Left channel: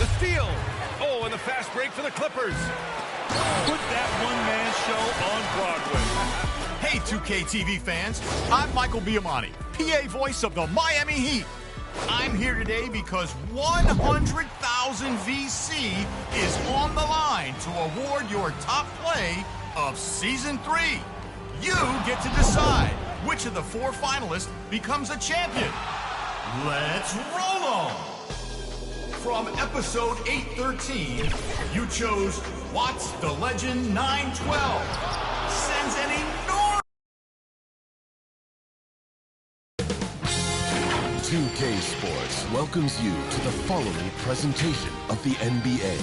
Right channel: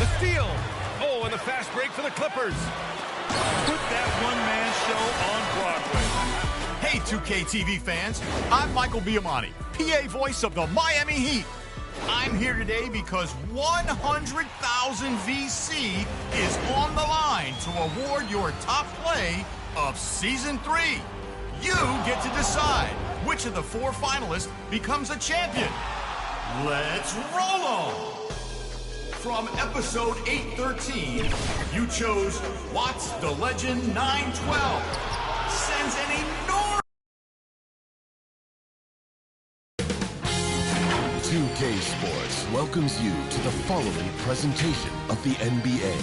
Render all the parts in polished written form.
The steal. Oh, and the fast break for the Clippers. Put that one-man show on Broadway. Hey, 2K TV fans. I'm Michael Biamani, PA voice of the Miami Heat. I'm here today because 100,000 VC is on the line to award your top play of Season 3. You get to decide which of the 4 finalists becomes a champion. Let's roll on! From episode 813, you chose Watts the Legend 912. Sends an enormous 2K Sports welcomes you to the following presentation of the NBA.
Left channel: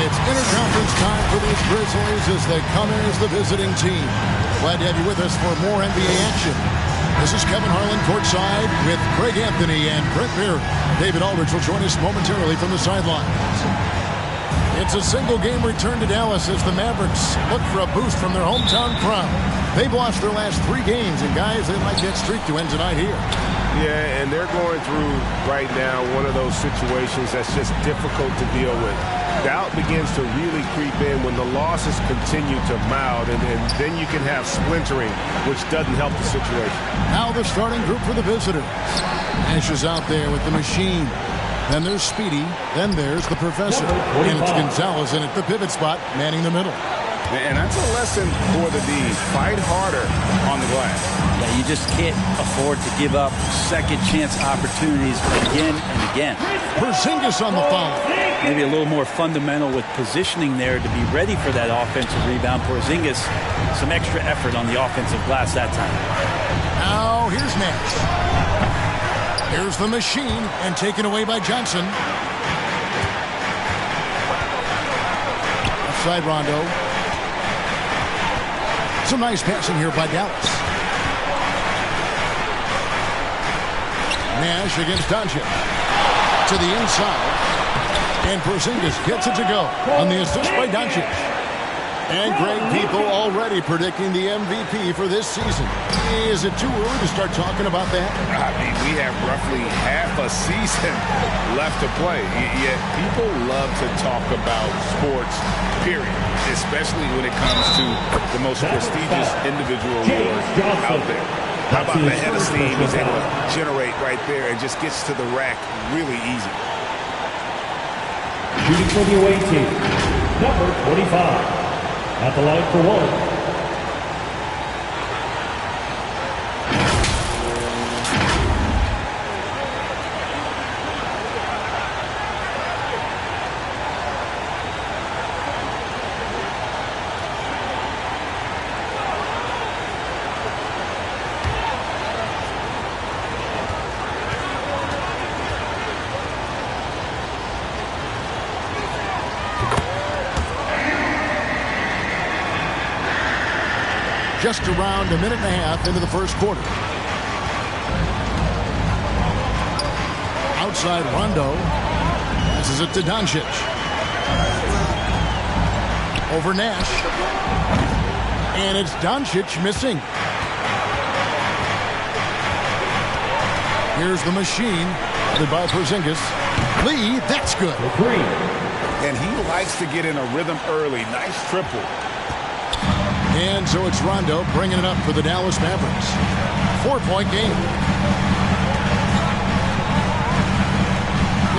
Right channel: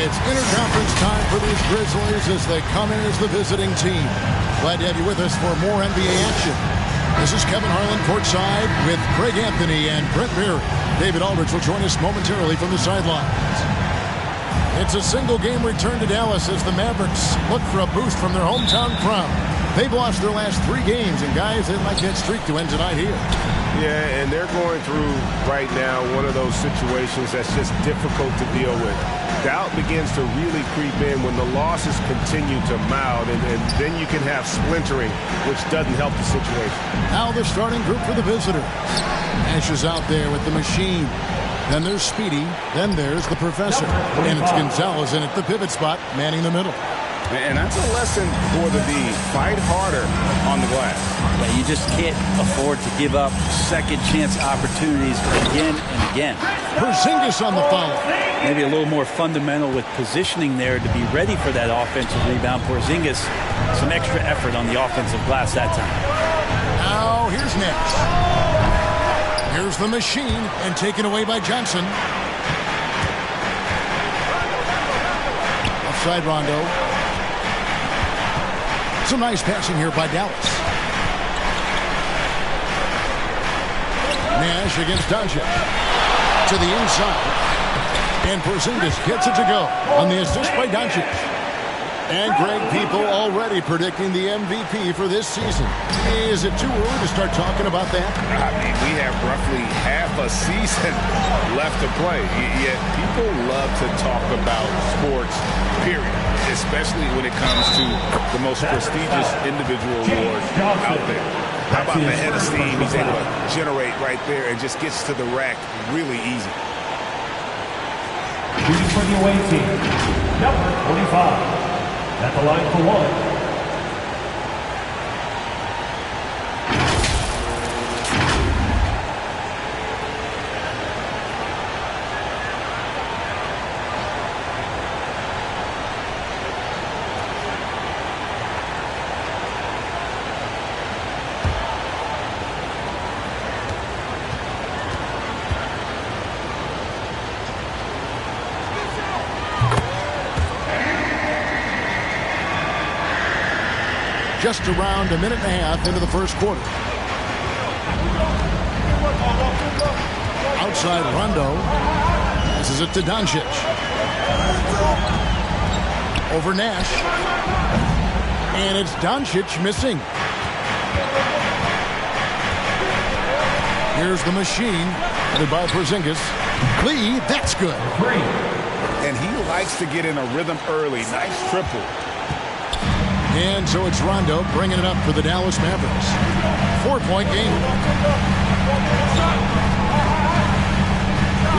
It's interconference time for these Grizzlies as they come in as the visiting team. Glad to have you with us for more NBA action. This is Kevin Harlan courtside with Craig Anthony and Brent Berry. David Aldridge will join us momentarily from the sidelines. It's a single-game return to Dallas as the Mavericks look for a boost from their hometown crowd. They've lost their last 3 games, and guys, they'd like that streak to end tonight here. Yeah, and they're going through right now one of those situations that's just difficult to deal with. Doubt begins to really creep in when the losses continue to mount, and then you can have splintering, which doesn't help the situation. Now the starting group for the visitors. Nash is out there with the machine. Then there's Speedy. Then there's the professor. And it's Gonzalez in at the pivot spot, manning the middle. And that's a lesson for the D. Fight harder on the glass. Yeah, you just can't afford to give up second chance opportunities again and again. Porzingis on the follow. Maybe a little more fundamental with positioning there to be ready for that offensive rebound. Porzingis, some extra effort on the offensive glass that time. Now here's Nash. Here's the machine and taken away by Johnson. Offside Rondo. Some nice passing here by Dallas. Nash against Doncic. To the inside. And Porzingis gets it to go on the assist by Doncic. And Greg, people already predicting the MVP for this season. Is it too early to start talking about that? I mean, we have roughly half a season left to play. Yet people love to talk about sports, period. Especially when it comes to the most prestigious individual award out there. How about the head of steam he's able to generate right there and just gets to the rack really easy. Shooting for the away team, number 25. At the line for 1. Just around a minute and a half into the first quarter. Outside Rondo. Passes it to Doncic. Over Nash. And it's Doncic missing. Here's the machine. Headed by Porzingis. Lee, that's good. And he likes to get in a rhythm early. Nice triple. And so it's Rondo bringing it up for the Dallas Mavericks. 4-point game.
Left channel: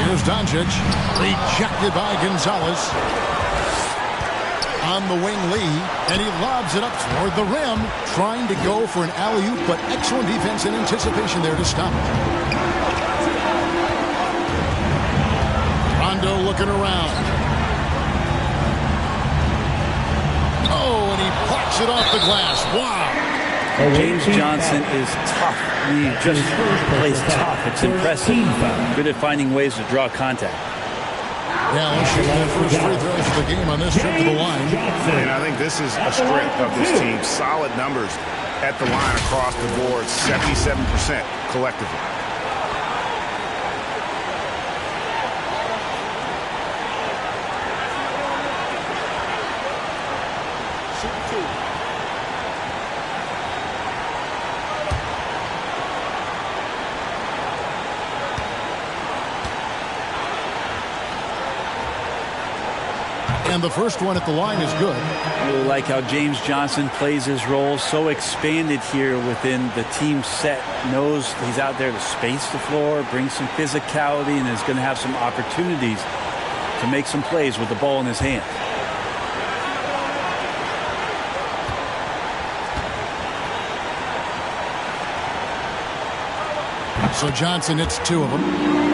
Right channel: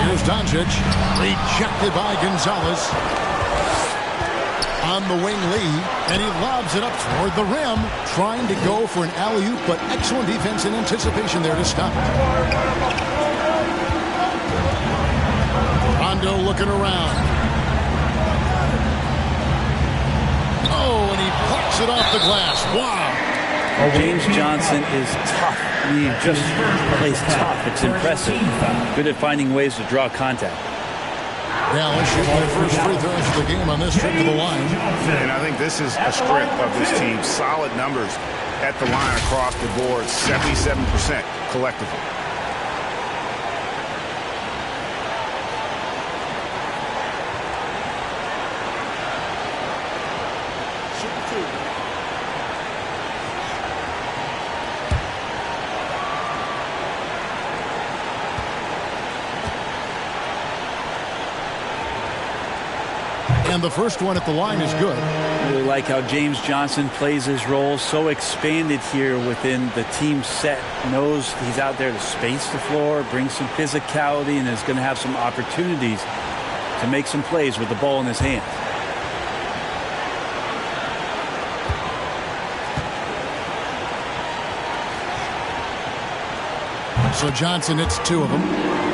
Here's Doncic. Rejected by Gonzalez. On the wing, Lee. And he lobs it up toward the rim. Trying to go for an alley-oop, but excellent defense and anticipation there to stop it. Rondo looking around. Oh, and he plucks it off the glass. Wow. James Johnson is tough. He just plays tough. It's impressive. Good at finding ways to draw contact. Dallas shooting their first free throws of the game on this trip to the line. And I think this is a strength of this team. Solid numbers at the line across the board. 77% collectively. And the first one at the line is good. Really like how James Johnson plays his role. So expanded here within the team set. Knows he's out there to space the floor, bring some physicality, and is going to have some opportunities to make some plays with the ball in his hands. So Johnson hits 2 of them.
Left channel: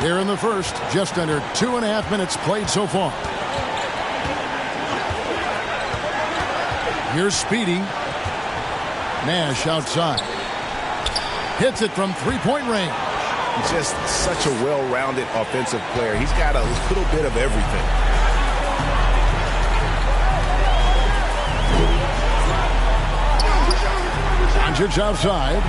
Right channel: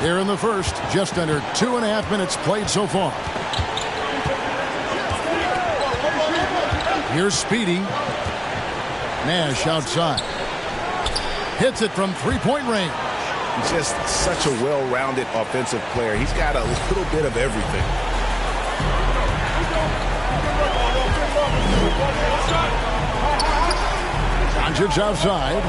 Here in the first, just under 2.5 minutes played so far. Here's Speedy. Nash outside. Hits it from three-point range. He's just such a well-rounded offensive player. He's got a little bit of everything. Doncic outside.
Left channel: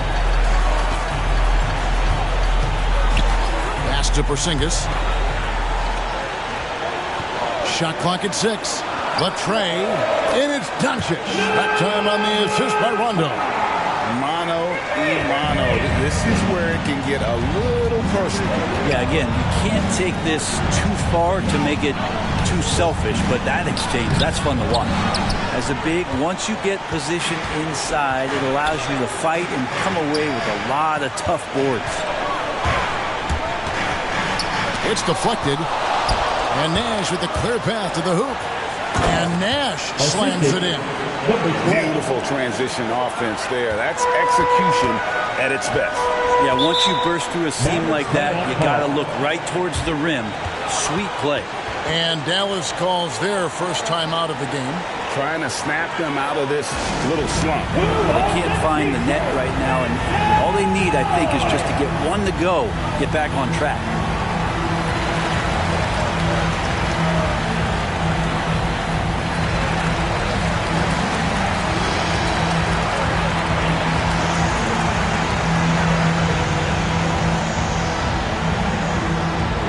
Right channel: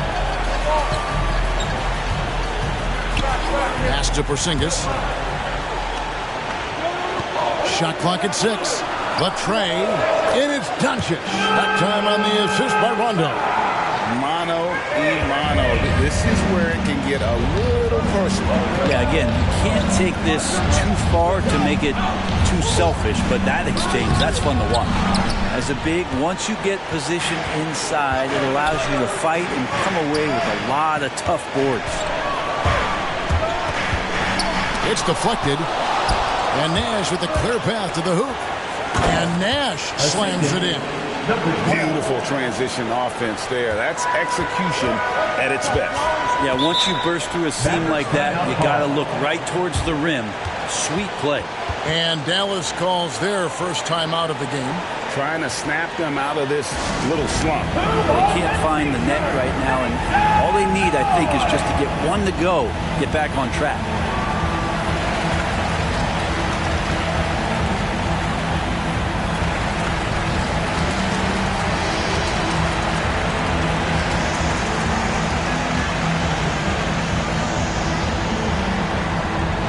Pass to Porzingis. Shot clock at 6. Latrey. And it's Doncic. That time on the assist by Rondo. Mano a mano. This is where it can get a little personal. Yeah, again, you can't take this too far to make it too selfish, but that exchange, that's fun to watch. As a big, once you get position inside, it allows you to fight and come away with a lot of tough boards. It's deflected. And Nash with a clear path to the hoop. And Nash slams it in. Beautiful transition offense there. That's execution at its best. Yeah, once you burst through a seam like that, you got to look right towards the rim. Sweet play. And Dallas calls their first time out of the game. Trying to snap them out of this little slump. They can't find the net right now, and all they need, I think, is just to get one to go, get back on track.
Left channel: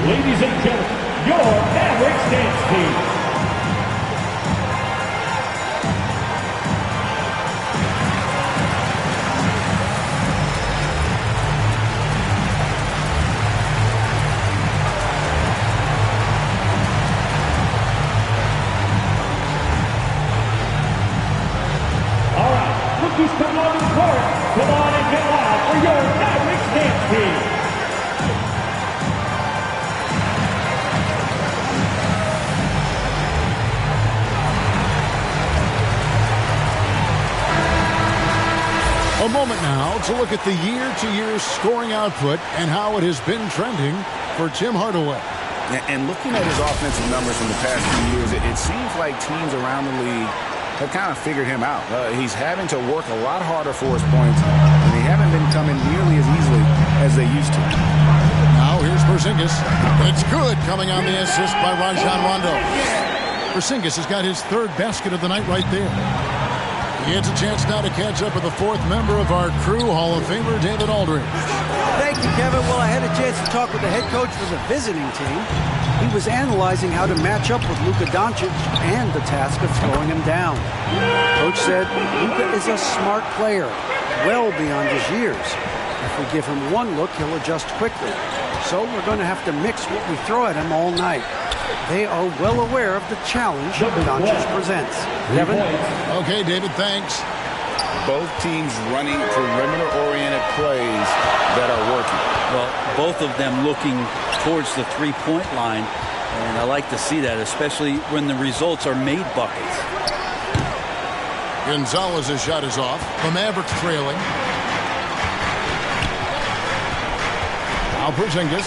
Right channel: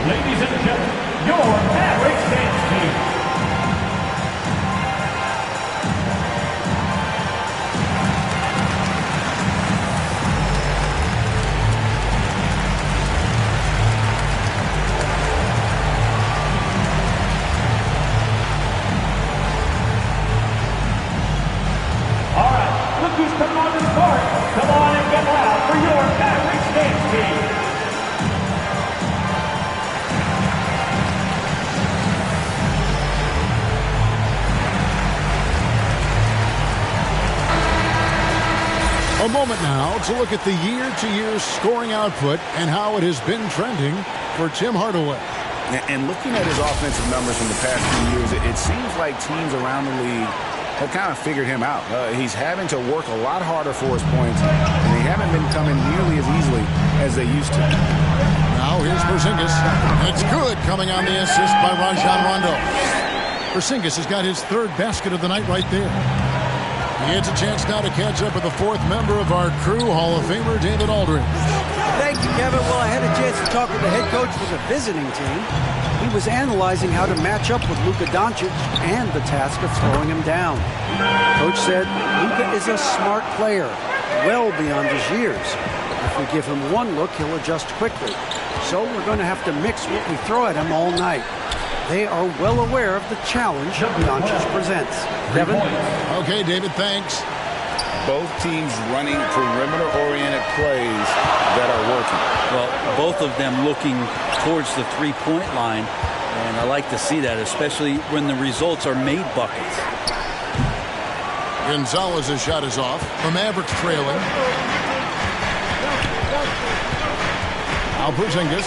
Ladies and gentlemen, your Mavericks dance team. All right, look who's coming onto the court. Come on and get loud for your Mavericks dance team. A moment now to look at the year-to-year scoring output and how it has been trending for Tim Hardaway. And looking at his offensive numbers from the past few years, it seems like teams around the league have kind of figured him out. He's having to work a lot harder for his points, and they haven't been coming nearly as easily as they used to. Now here's Porzingis. It's good, coming on the assist by Rajon Rondo. Porzingis has got his third basket of the night right there. He gets a chance now to catch up with the fourth member of our crew, Hall of Famer David Aldridge. Thank you, Kevin. Well, I had a chance to talk with the head coach for the visiting team. He was analyzing how to match up with Luka Doncic and the task of slowing him down. Coach said Luka is a smart player, well beyond his years. If we give him one look, he'll adjust quickly. So we're going to have to mix what we throw at him all night. They are well aware of the challenge Doncic presents. Kevin? Okay, David, thanks. Both teams running perimeter-oriented plays that are working. Well, both of them looking towards the three-point line, and I like to see that, especially when the results are made buckets. Gonzalez's shot is off. The Mavericks trailing. Now Porzingis.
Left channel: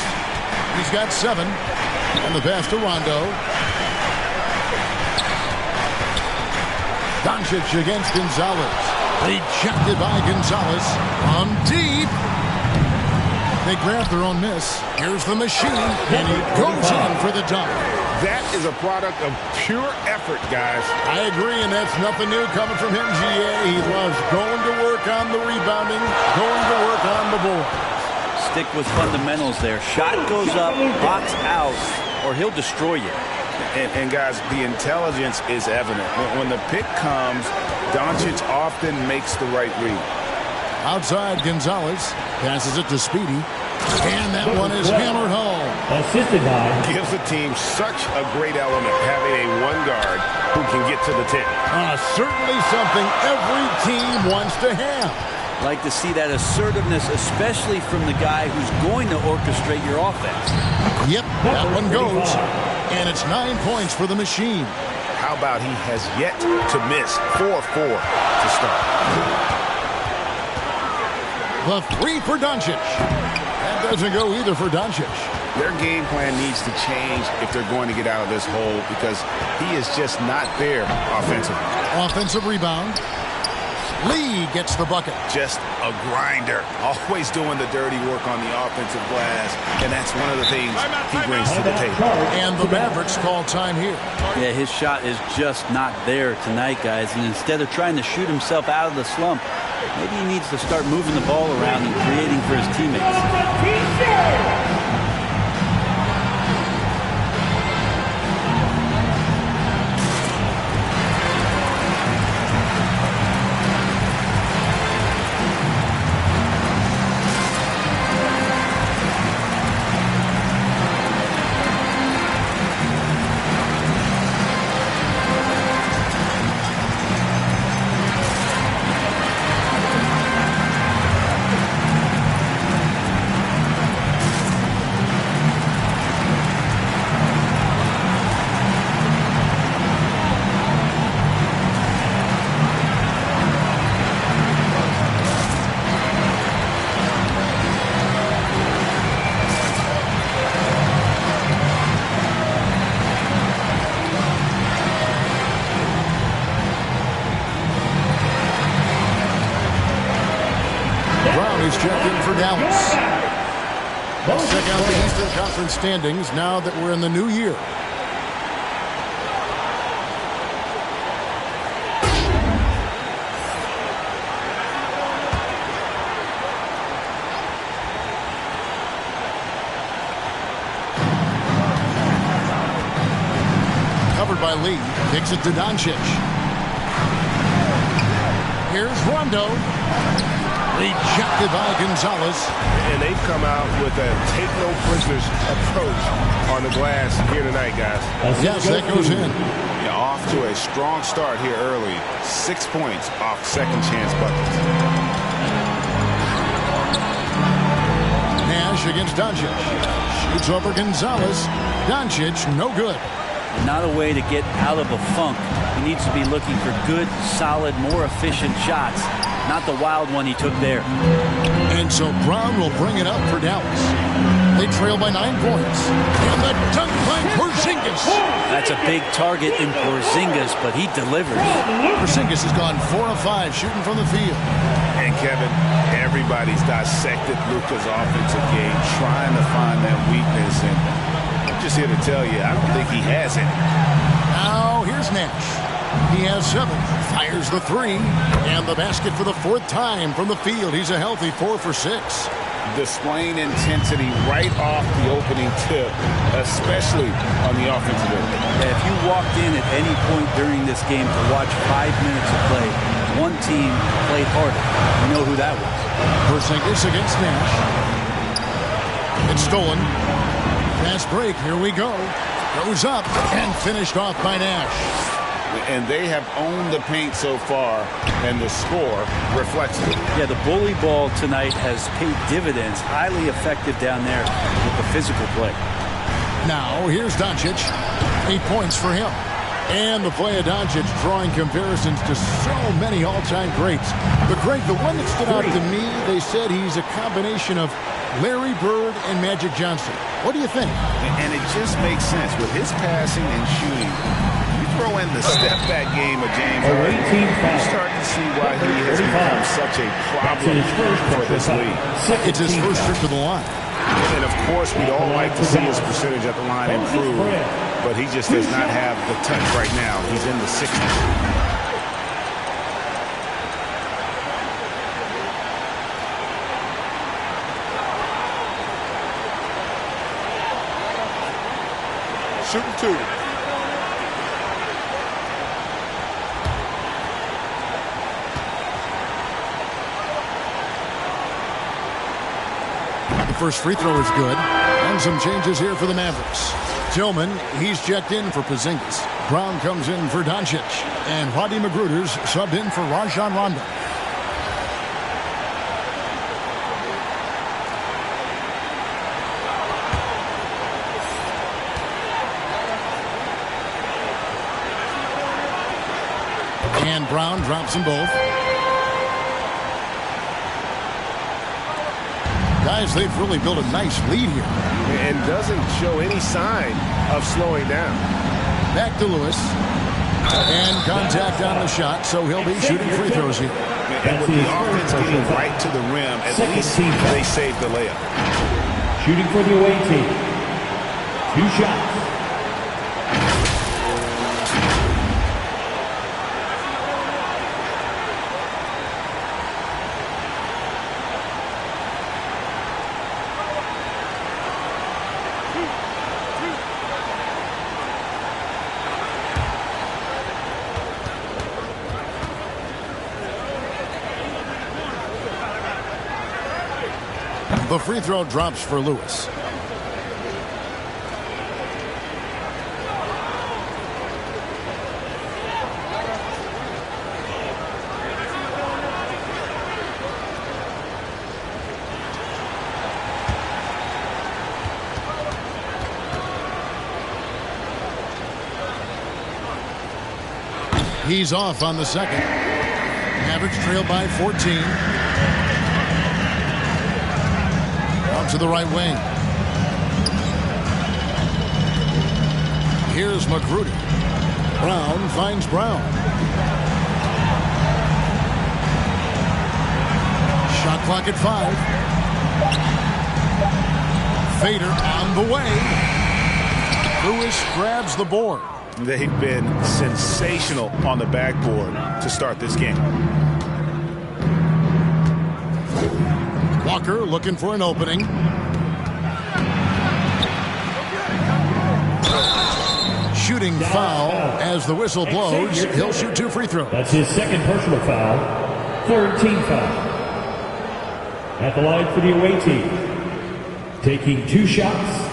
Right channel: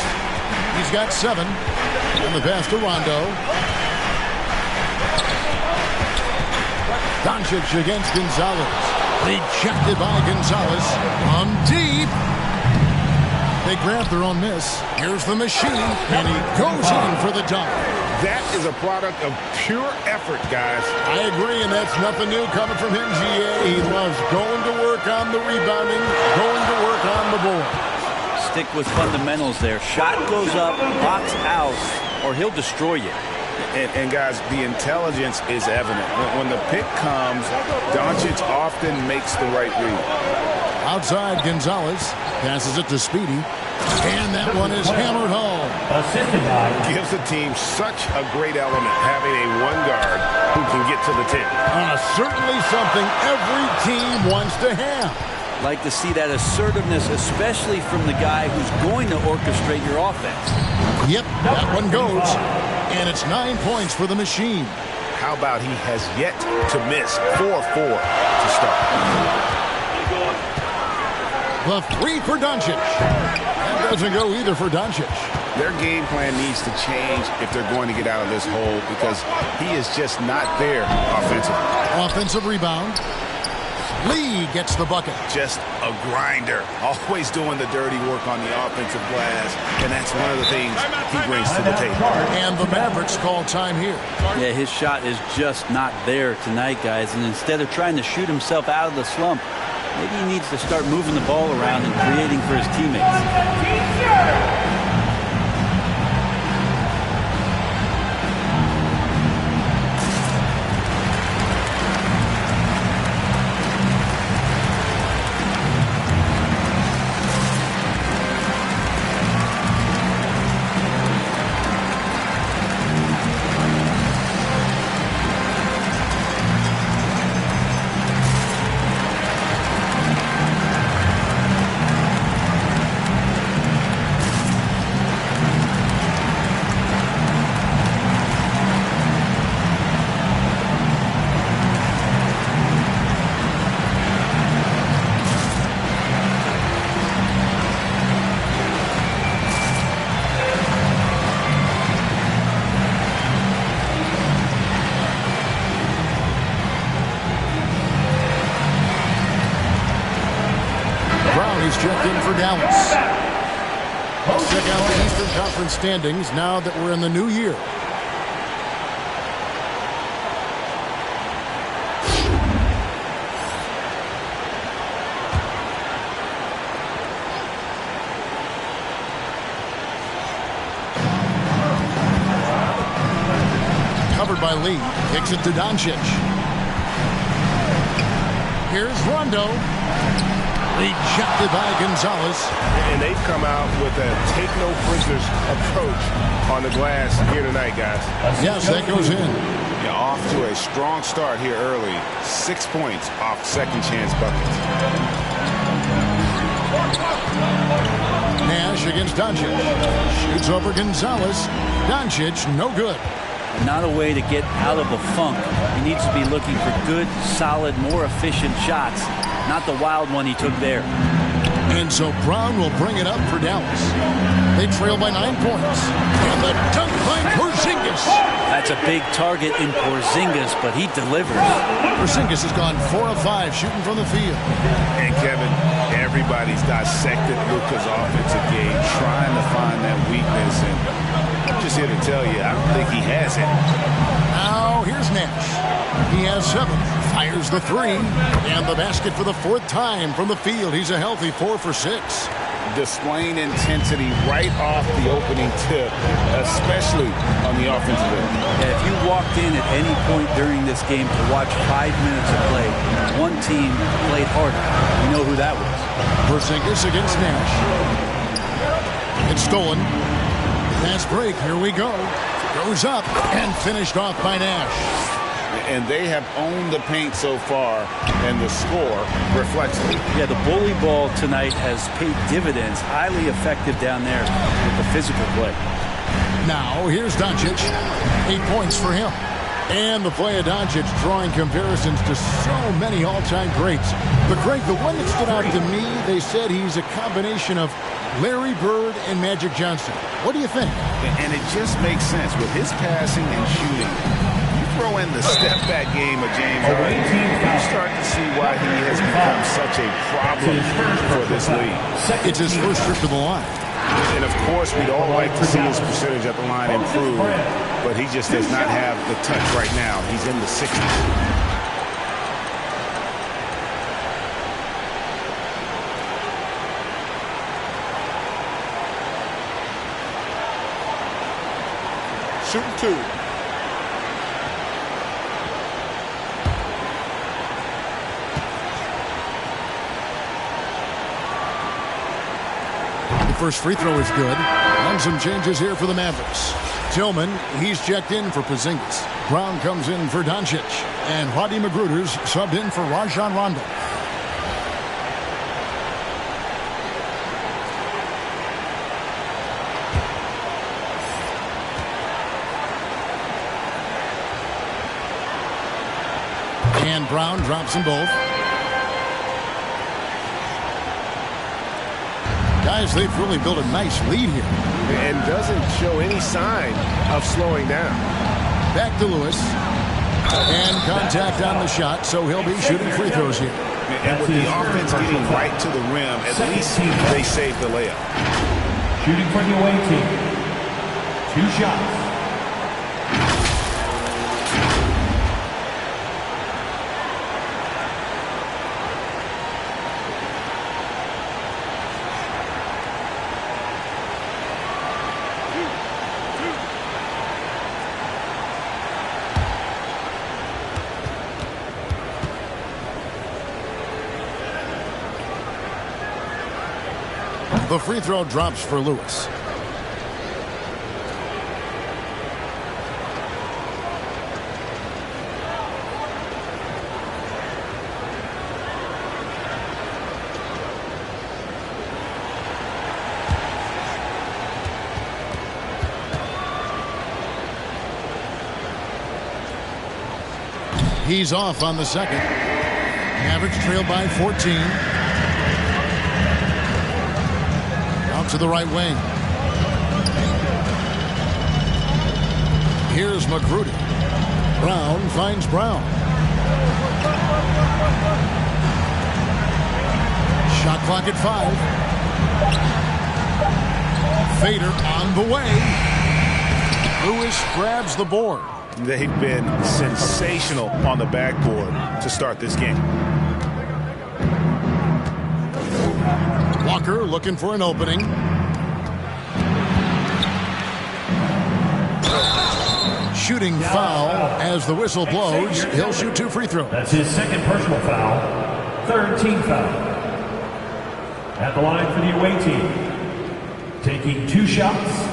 He's got 7. And the pass to Rondo. Doncic against Gonzalez. Rejected by Gonzalez. From deep. They grab their own miss. Here's the machine. And he goes in for the dunk. That is a product of pure effort, guys. I agree, and that's nothing new coming from him, GA. He loves going to work on the rebounding, going to work on the board. Stick with fundamentals there. Shot goes up, box out, or he'll destroy you. And guys, the intelligence is evident. When the pick comes, Doncic often makes the right read. Outside, Gonzalez passes it to Speedy. And that one is hammered home. assisted by... Gives the team such a great element, having a one guard who can get to the 10. Certainly something every team wants to have. Like to see that assertiveness, especially from the guy who's going to orchestrate your offense. Yep, that one goes. And it's 9 points for the machine. How about he has yet to miss 4-4 to start. The three for Doncic. That doesn't go either for Doncic. Their game plan needs to change if they're going to get out of this hole because he is just not there offensively. Offensive rebound. Lee gets the bucket. Just a grinder. Always doing the dirty work on the offensive glass. And that's one of the things he brings to the table. And the Mavericks call time here. Yeah, his shot is just not there tonight, guys. And instead of trying to shoot himself out of the slump, maybe he needs to start moving the ball around and creating for his teammates. Brown is checked in for Dallas. Let's check out the Eastern Conference standings now that we're in the new year. Covered by Lee. Kicks it to Doncic. Here's Rondo. Rejected by Gonzalez. And they've come out with a take-no-prisoners approach on the glass here tonight, guys. Yes, that goes in. Yeah, off to a strong start here early. 6 points off second-chance buckets. Nash against Doncic. Shoots over Gonzalez. Doncic, no good. And not a way to get out of a funk. He needs to be looking for good, solid, more efficient shots. Not the wild one he took there. And so Brown will bring it up for Dallas. They trail by 9 points. And the dunk by Porzingis. That's a big target in Porzingis, but he delivers. Porzingis has gone 4 of 5 shooting from the field. And Kevin, everybody's dissected Luka's offensive game, trying to find that weakness. And I'm just here to tell you, I don't think he has it. Now here's Nash. He has 7, fires the 3, and the basket for the 4th time from the field. He's a healthy 4 for 6. Displaying intensity right off the opening tip, especially on the offensive end. Yeah, if you walked in at any point during this game to watch 5 minutes of play, one team played harder. You know who that was. Porzingis against Nash. It's stolen. Fast break. Here we go. Goes up and finished off by Nash. And they have owned the paint so far, and the score reflects it. Yeah, the bully ball tonight has paid dividends. Highly effective down there with the physical play. Now, here's Doncic. 8 points for him. And the play of Doncic drawing comparisons to so many all-time greats. But, Greg, the one that stood out to me, they said he's a combination of Larry Bird and Magic Johnson. What do you think? And it just makes sense. With his passing and shooting, throw in the step-back game of James Harden, you start to see why he has become such a problem for this league. It's his first trip to the line. And, of course, we'd all like to see his percentage at the line improve, but he just does not have the touch right now. He's in the 60s. Shooting 2. The first free throw is good. And And some changes here for the Mavericks. Tillman, he's checked in for Porzingis. Brown comes in for Doncic. And Rodney Magruder's subbed in for Rajon Rondo. And Brown drops them both. Guys, they've really built a nice lead here. And doesn't show any sign of slowing down. Back to Lewis. And contact on the shot, so he'll be shooting free throws here. And with the offense getting right to the rim, at least they saved the layup. Shooting for the away team. 2 shots. The free throw drops for Lewis. He's off on the second. Mavericks trail by 14. Out to the right wing. Here's Magruder. Brown finds Brown. Shot clock at 5. Fader on the way. Lewis grabs the board. They've been sensational on the backboard to start this game. Walker looking for an opening. Shooting foul as the whistle blows. He'll shoot 2 free throws. That's his second personal foul. 3rd team foul. At the line for the away team. Taking 2 shots.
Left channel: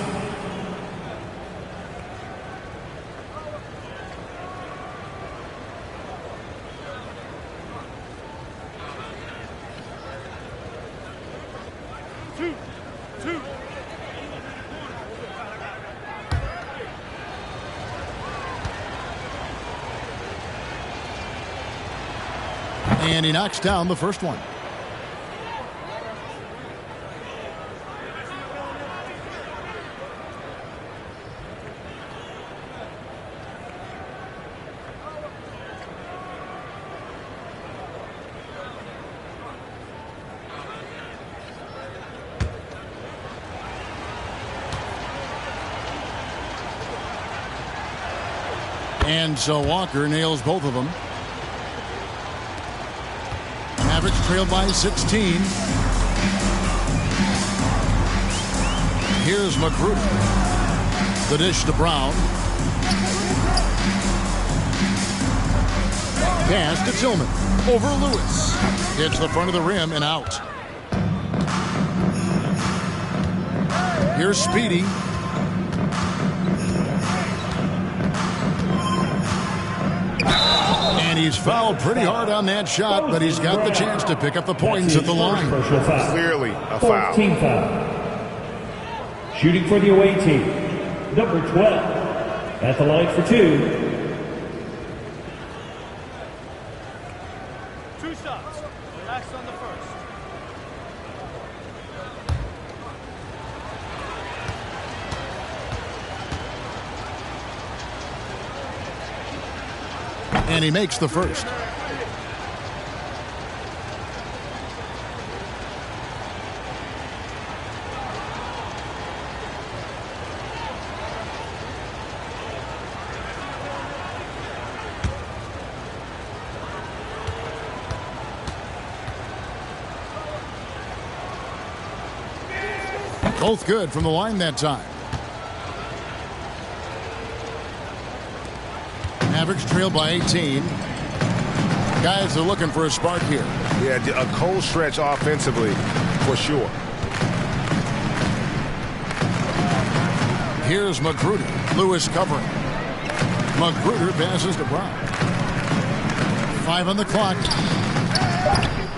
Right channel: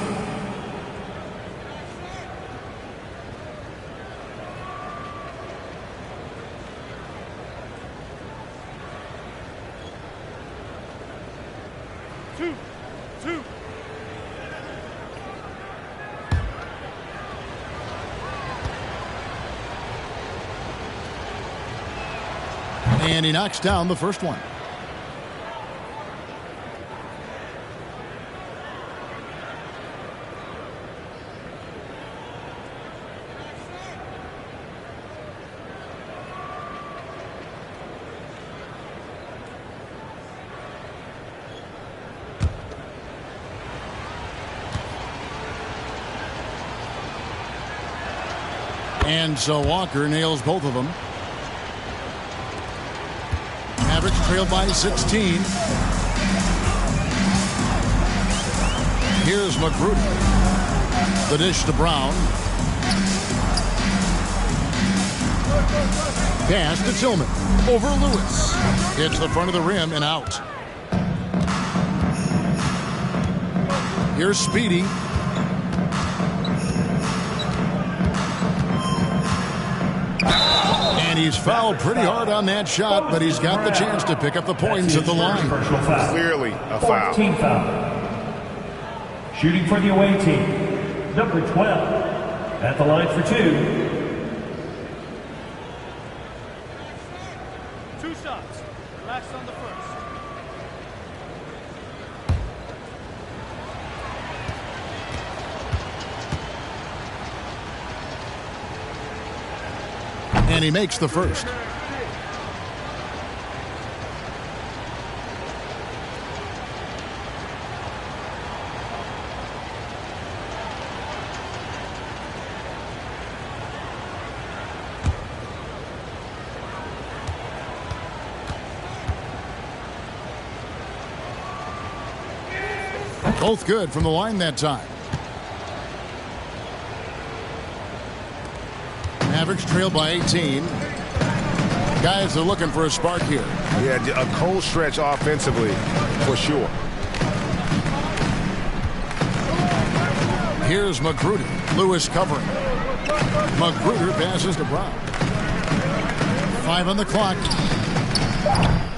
And he knocks down the first one. And so Walker nails both of them. Mavericks trail by 16. Here's Magruder. The dish to Brown. Pass to Tillman. Over Lewis. Hits the front of the rim and out. Here's Speedy. And he's fouled pretty hard on that shot, but he's got the chance to pick up the points at the line. Clearly a foul. Team foul. Shooting for the away team. Number 12. At the line for 2. 2 shots. Relax on the first. And he makes the first. Both good from the line that time. Mavericks trail by 18. Guys are looking for a spark here. Yeah, a cold stretch offensively, for sure. Here's Magruder. Lewis covering. Magruder passes to Brown. 5 on the clock.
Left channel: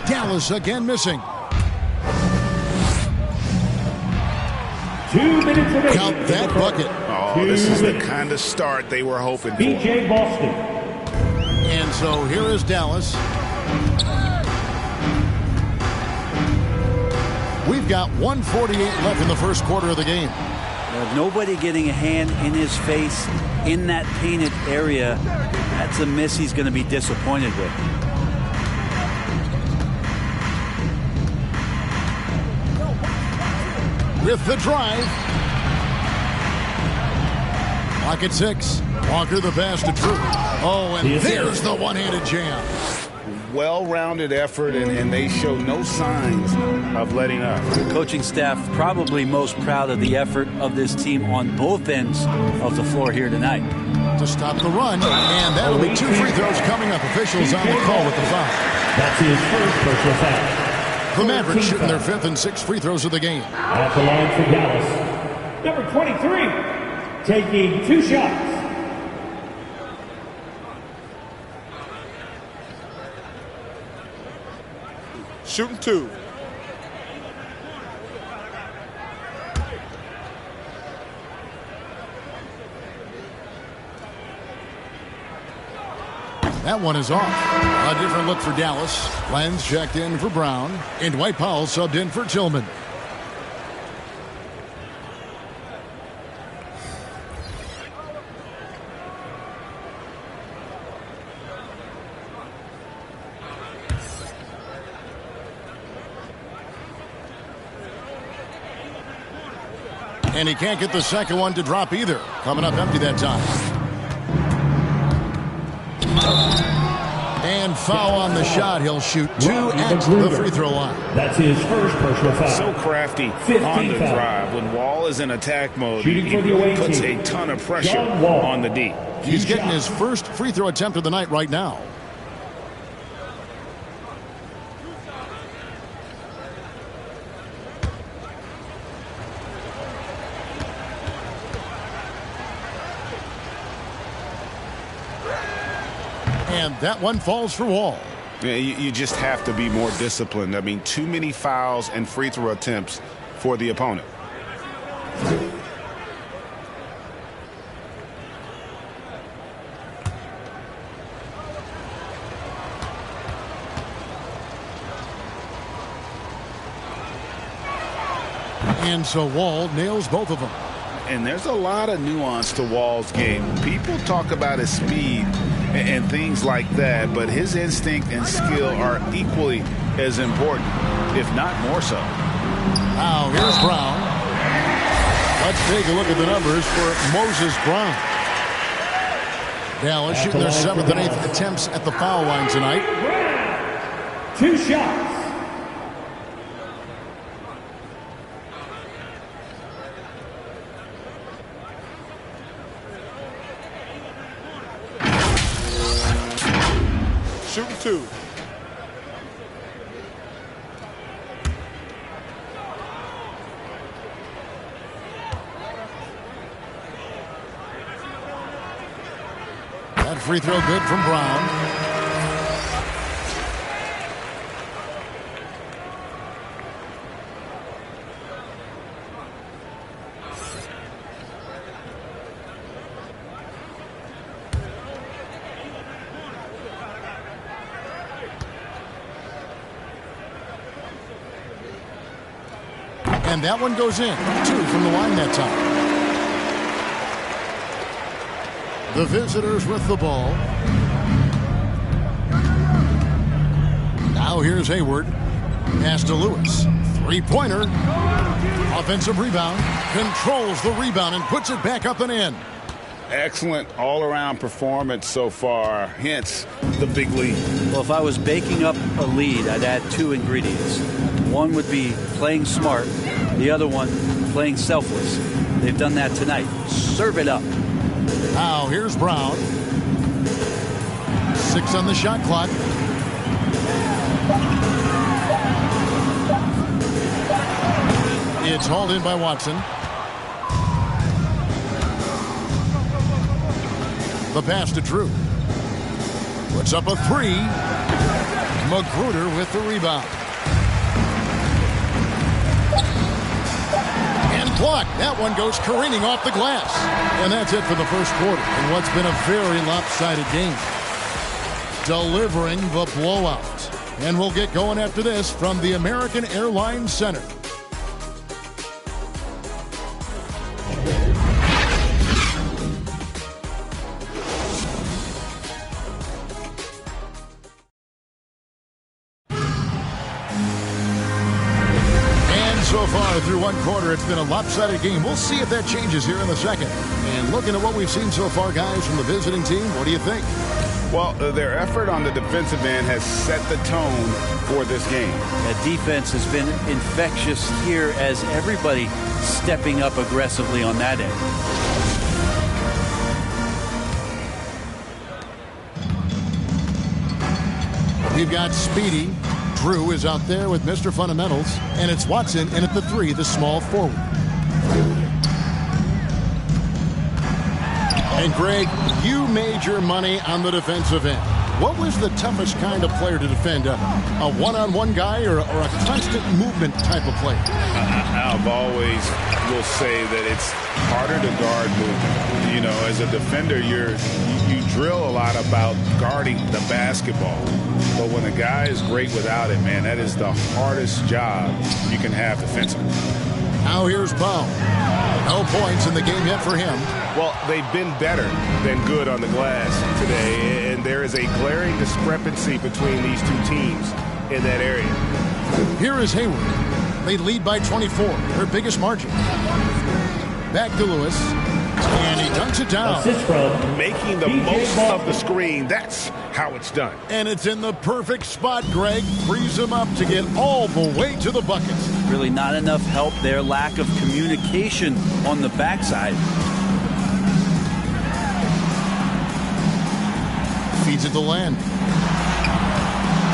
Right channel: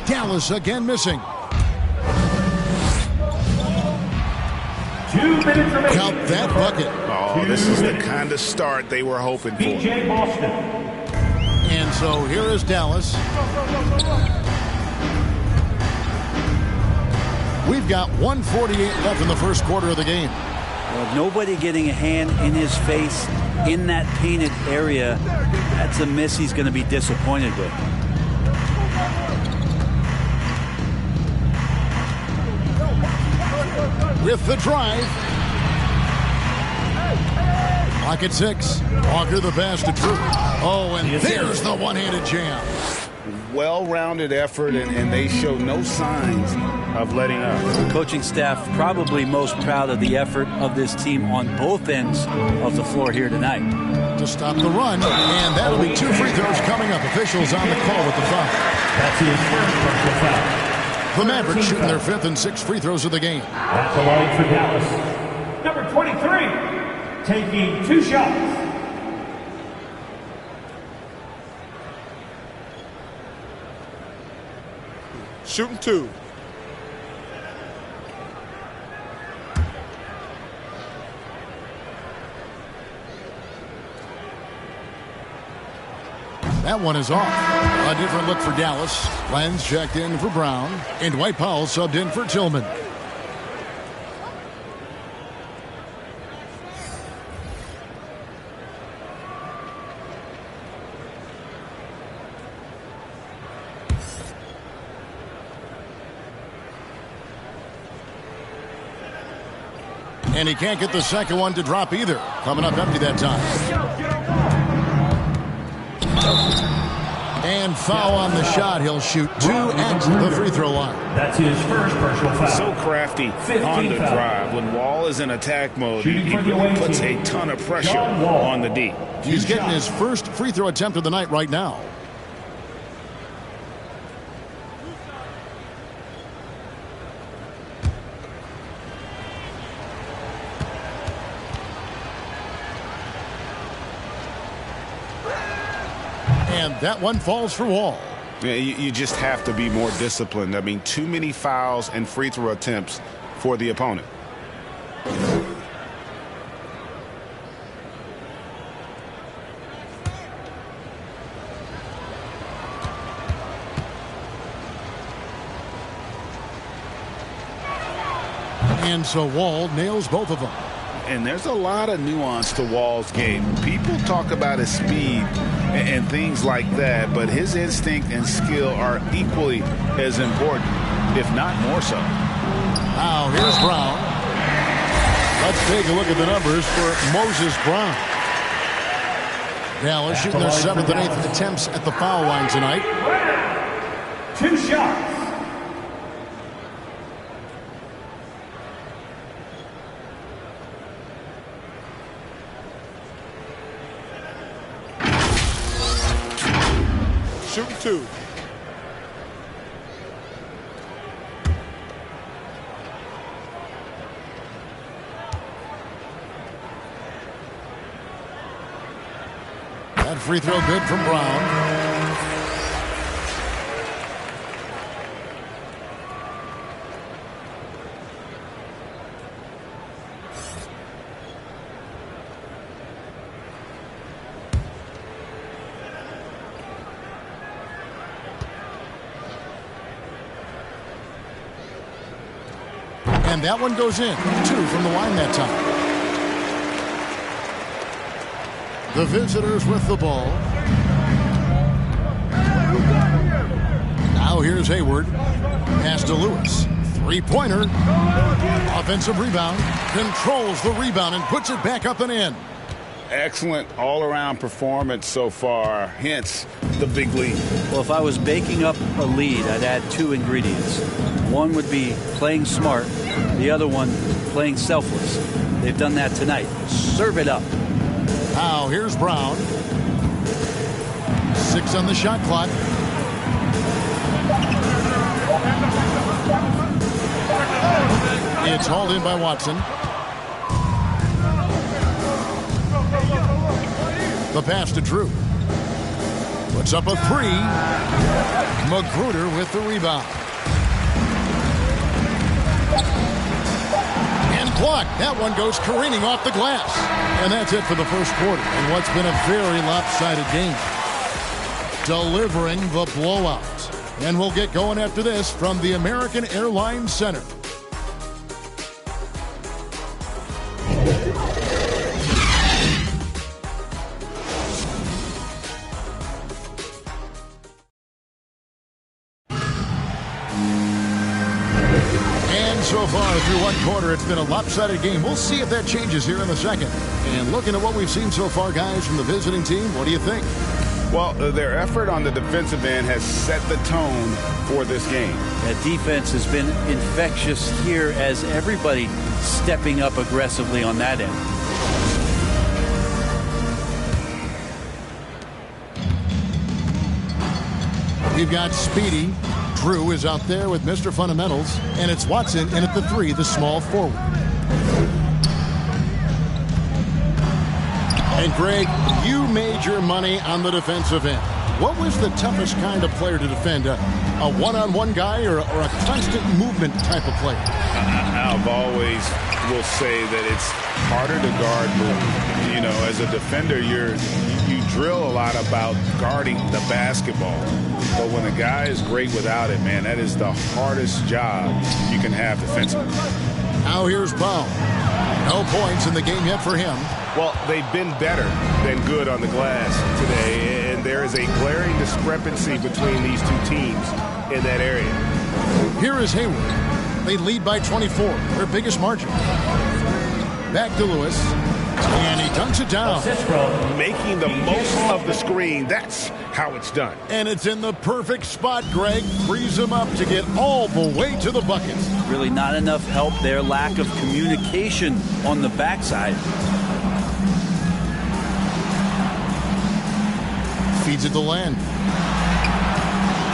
Dallas again missing. 2 minutes remaining. Count that bucket. Oh, this is the kind of start they were hoping for. BJ Boston. And so here is Dallas. We've got 1:48 left in the first quarter of the game. With nobody getting a hand in his face in that painted area, that's a miss he's going to be disappointed with. With the drive. Clock at 6. Walker the pass to Drew. Oh, and there's the one-handed jam. Well-rounded effort, and they show no signs of letting up. Coaching staff probably most proud of the effort of this team on both ends of the floor here tonight. To stop the run, and that'll be 2 free throws coming up. Officials on the call with the foul. That's his first personal foul. The Mavericks shooting their 5th and 6th free throws of the game. At the line for Dallas, number 23, taking 2 shots. Shooting 2. That one is off. A different look for Dallas. Lenz checked in for Brown. And Dwight Powell subbed in for Tillman. And he can't get the second one to drop either. Coming up empty that time. And foul on the shot. He'll shoot 2 at the free throw line. That's his first personal foul. So crafty on the drive. When Wall is in attack mode, he puts a ton of pressure on the D. He's getting his first free throw attempt of the night right now. And that one falls for Wall. Yeah, you just have to be more disciplined. I mean, too many fouls and free throw attempts for the opponent. And so Wall nails both of them. And there's a lot of nuance to Wall's game. People talk about his speed and things like that, but his instinct and skill are equally as important, if not more so. Now here's Brown. Let's take a look at the numbers for Moses Brown. Dallas shooting their 7th and 8th attempts at the foul line tonight. 2 shots. Shooting 2. That free throw good from Brown. And that one goes in. 2 from the line that time. The visitors with the ball. Now here's Hayward. Pass to Lewis. 3-pointer. Offensive rebound. Controls the rebound and puts it back up and in. Excellent all-around performance so far, hence the big lead. Well, if I was baking up a lead, I'd add 2 ingredients. One would be playing smart. The other one, playing selfless. They've done that tonight. Serve it up. Now here's Brown. 6 on the shot clock. It's hauled in by Watson. The pass to Drew. Puts up a three. Magruder with the rebound. And blocked. That one goes careening off the glass. And that's it for the first quarter in what's been a very lopsided game. Delivering the blowout. And we'll get going after this from the American Airlines Center. So far through one quarter, it's been a lopsided game. We'll see if that changes here in the second. And looking at what we've seen so far, guys, from the visiting team, what do you think? Well, their effort on the defensive end has set the tone for this game. That defense has been infectious here as everybody stepping up aggressively on that end. We've got Speedy. Drew is out there with Mr. Fundamentals, and it's Watson in at the three, the small forward. And Greg, you made your money on the defensive end. What was the toughest kind of player to defend? A one-on-one guy or a constant movement type of player? I've always will say that it's harder to guard movement. You know, as a defender, you drill a lot about guarding the basketball. But when a guy is great without it, man, that is the hardest job you can have defensively. Now here's Powell. No points in the game yet for him. Well, they've been better than good on the glass today, and there is a glaring discrepancy between these two teams in that area. Here is Hayward. They lead by 24, their biggest margin. Back to Lewis, and he dunks it down. Making the most of the screen, that's how it's done. And it's in the perfect spot, Greg. Frees him up to get all the way to the bucket. Really not enough help there. Lack of communication on the backside. Feeds it to Land.